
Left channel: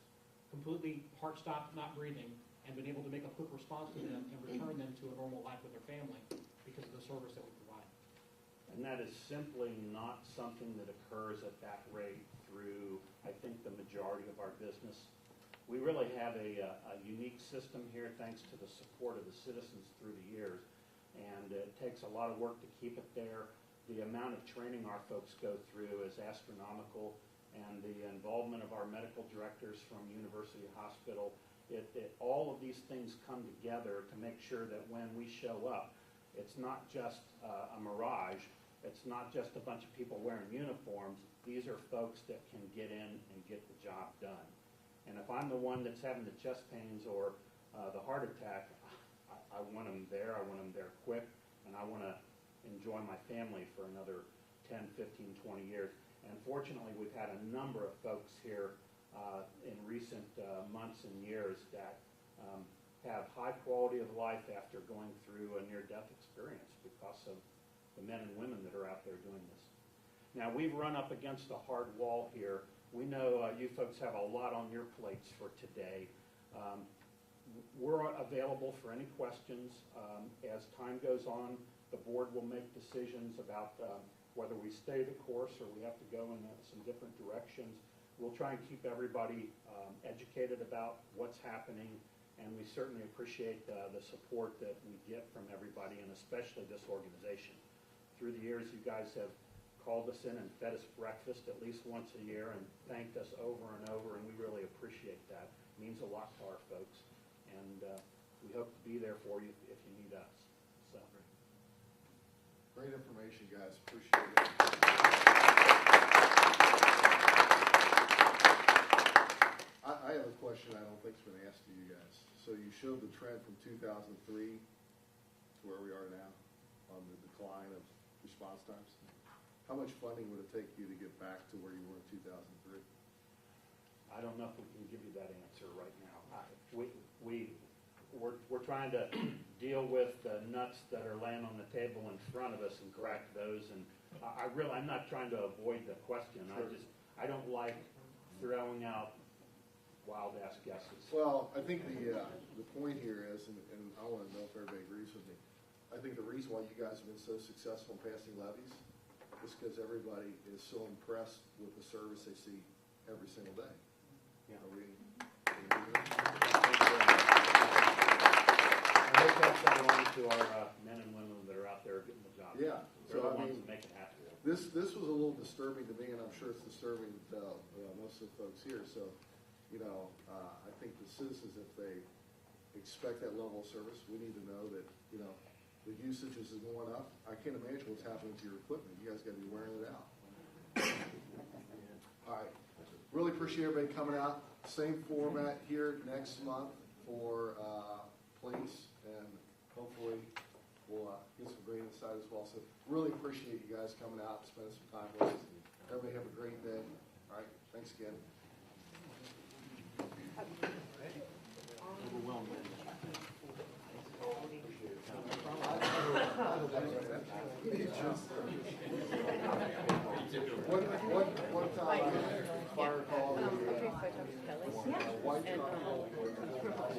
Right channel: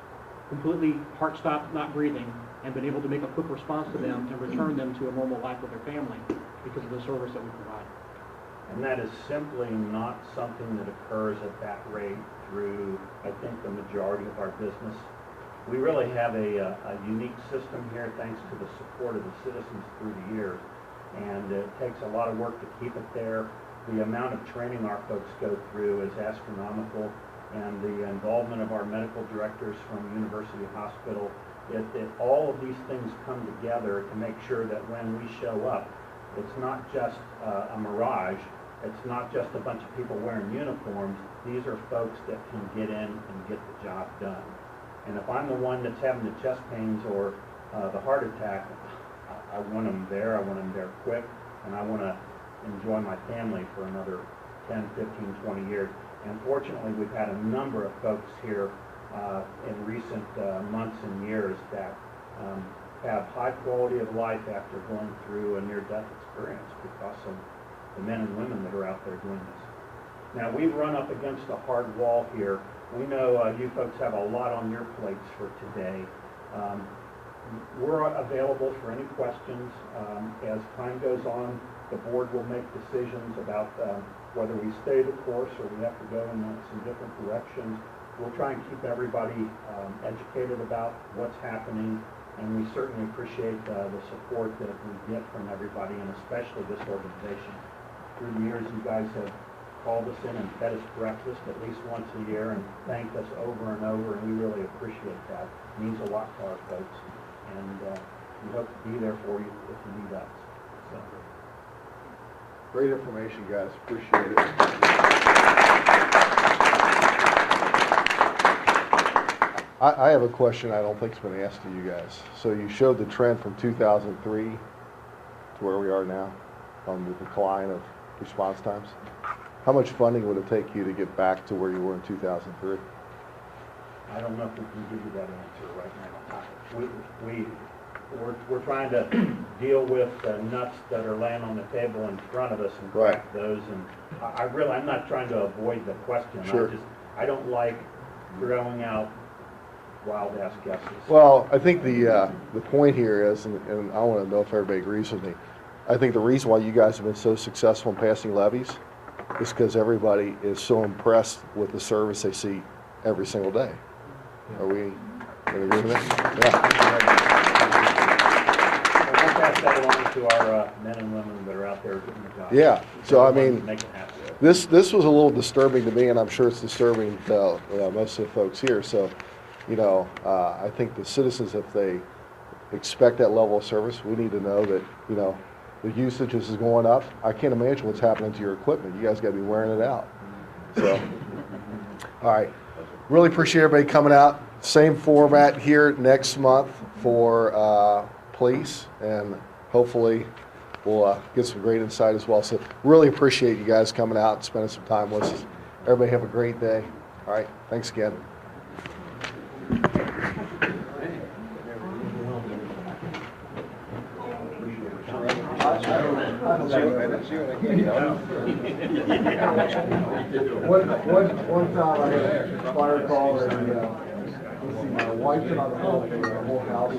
completely heart stopped, not breathing, and been able to make a quick response to them and return them to a normal life with their family because of the service that we provide. And that is simply not something that occurs at that rate through, I think, the majority of our business. We really have a unique system here thanks to the support of the citizens through the years. And it takes a lot of work to keep it there. The amount of training our folks go through is astronomical, and the involvement of our medical directors from University Hospital, all of these things come together to make sure that when we show up, it's not just a mirage, it's not just a bunch of people wearing uniforms. These are folks that can get in and get the job done. And if I'm the one that's having the chest pains or the heart attack, I want them there, I want them there quick, and I want to enjoy my family for another 10, 15, 20 years. And fortunately, we've had a number of folks here in recent months and years that have high quality of life after going through a near-death experience because of the men and women that are out there doing this. Now, we've run up against a hard wall here. We know you folks have a lot on your plates for today. We're available for any questions. As time goes on, the board will make decisions about whether we stay the course or we have to go in some different directions. We'll try and keep everybody educated about what's happening, and we certainly appreciate the support that we get from everybody, and especially this organization. Through the years, you guys have called us in and fed us breakfast at least once a year and thanked us over and over, and we really appreciate that. It means a lot to our folks, and we hope to be there for you if you need us. So. Great information, guys. Appreciate it. I have a question I don't think's been asked to you guys. So you showed the trend from 2003 to where we are now on the decline of response times. How much funding would it take you to get back to where you were in 2003? I don't know if we can give you that answer right now. We're trying to deal with the nuts that are laying on the table in front of us and crack those. And I'm not trying to avoid the question. Sure. I don't like throwing out wild ass guesses. Well, I think the point here is, and I want to know if everybody agrees with me, I think the reason why you guys have been so successful in passing levies is because everybody is so impressed with the service they see every single day. Are we in agreement with that? Yeah. We'll pass that along to our men and women that are out there doing the job. Yeah. So I mean, make it happen. this was a little disturbing to me, and I'm sure it's disturbing to most of the folks here. So, you know, I think the citizens, if they expect that level of service, we need to know that, you know, the usage is going up. I can't imagine what's happening to your equipment. You guys got to be wearing it out. So, All right. Really appreciate everybody coming out. Same format here next month for police, and hopefully we'll get some great insight as well. So really appreciate you guys coming out and spending some time with us. Everybody have a great day. All right. Thanks again. One time I had a fire call and let's see, my wife and I were home, the whole house.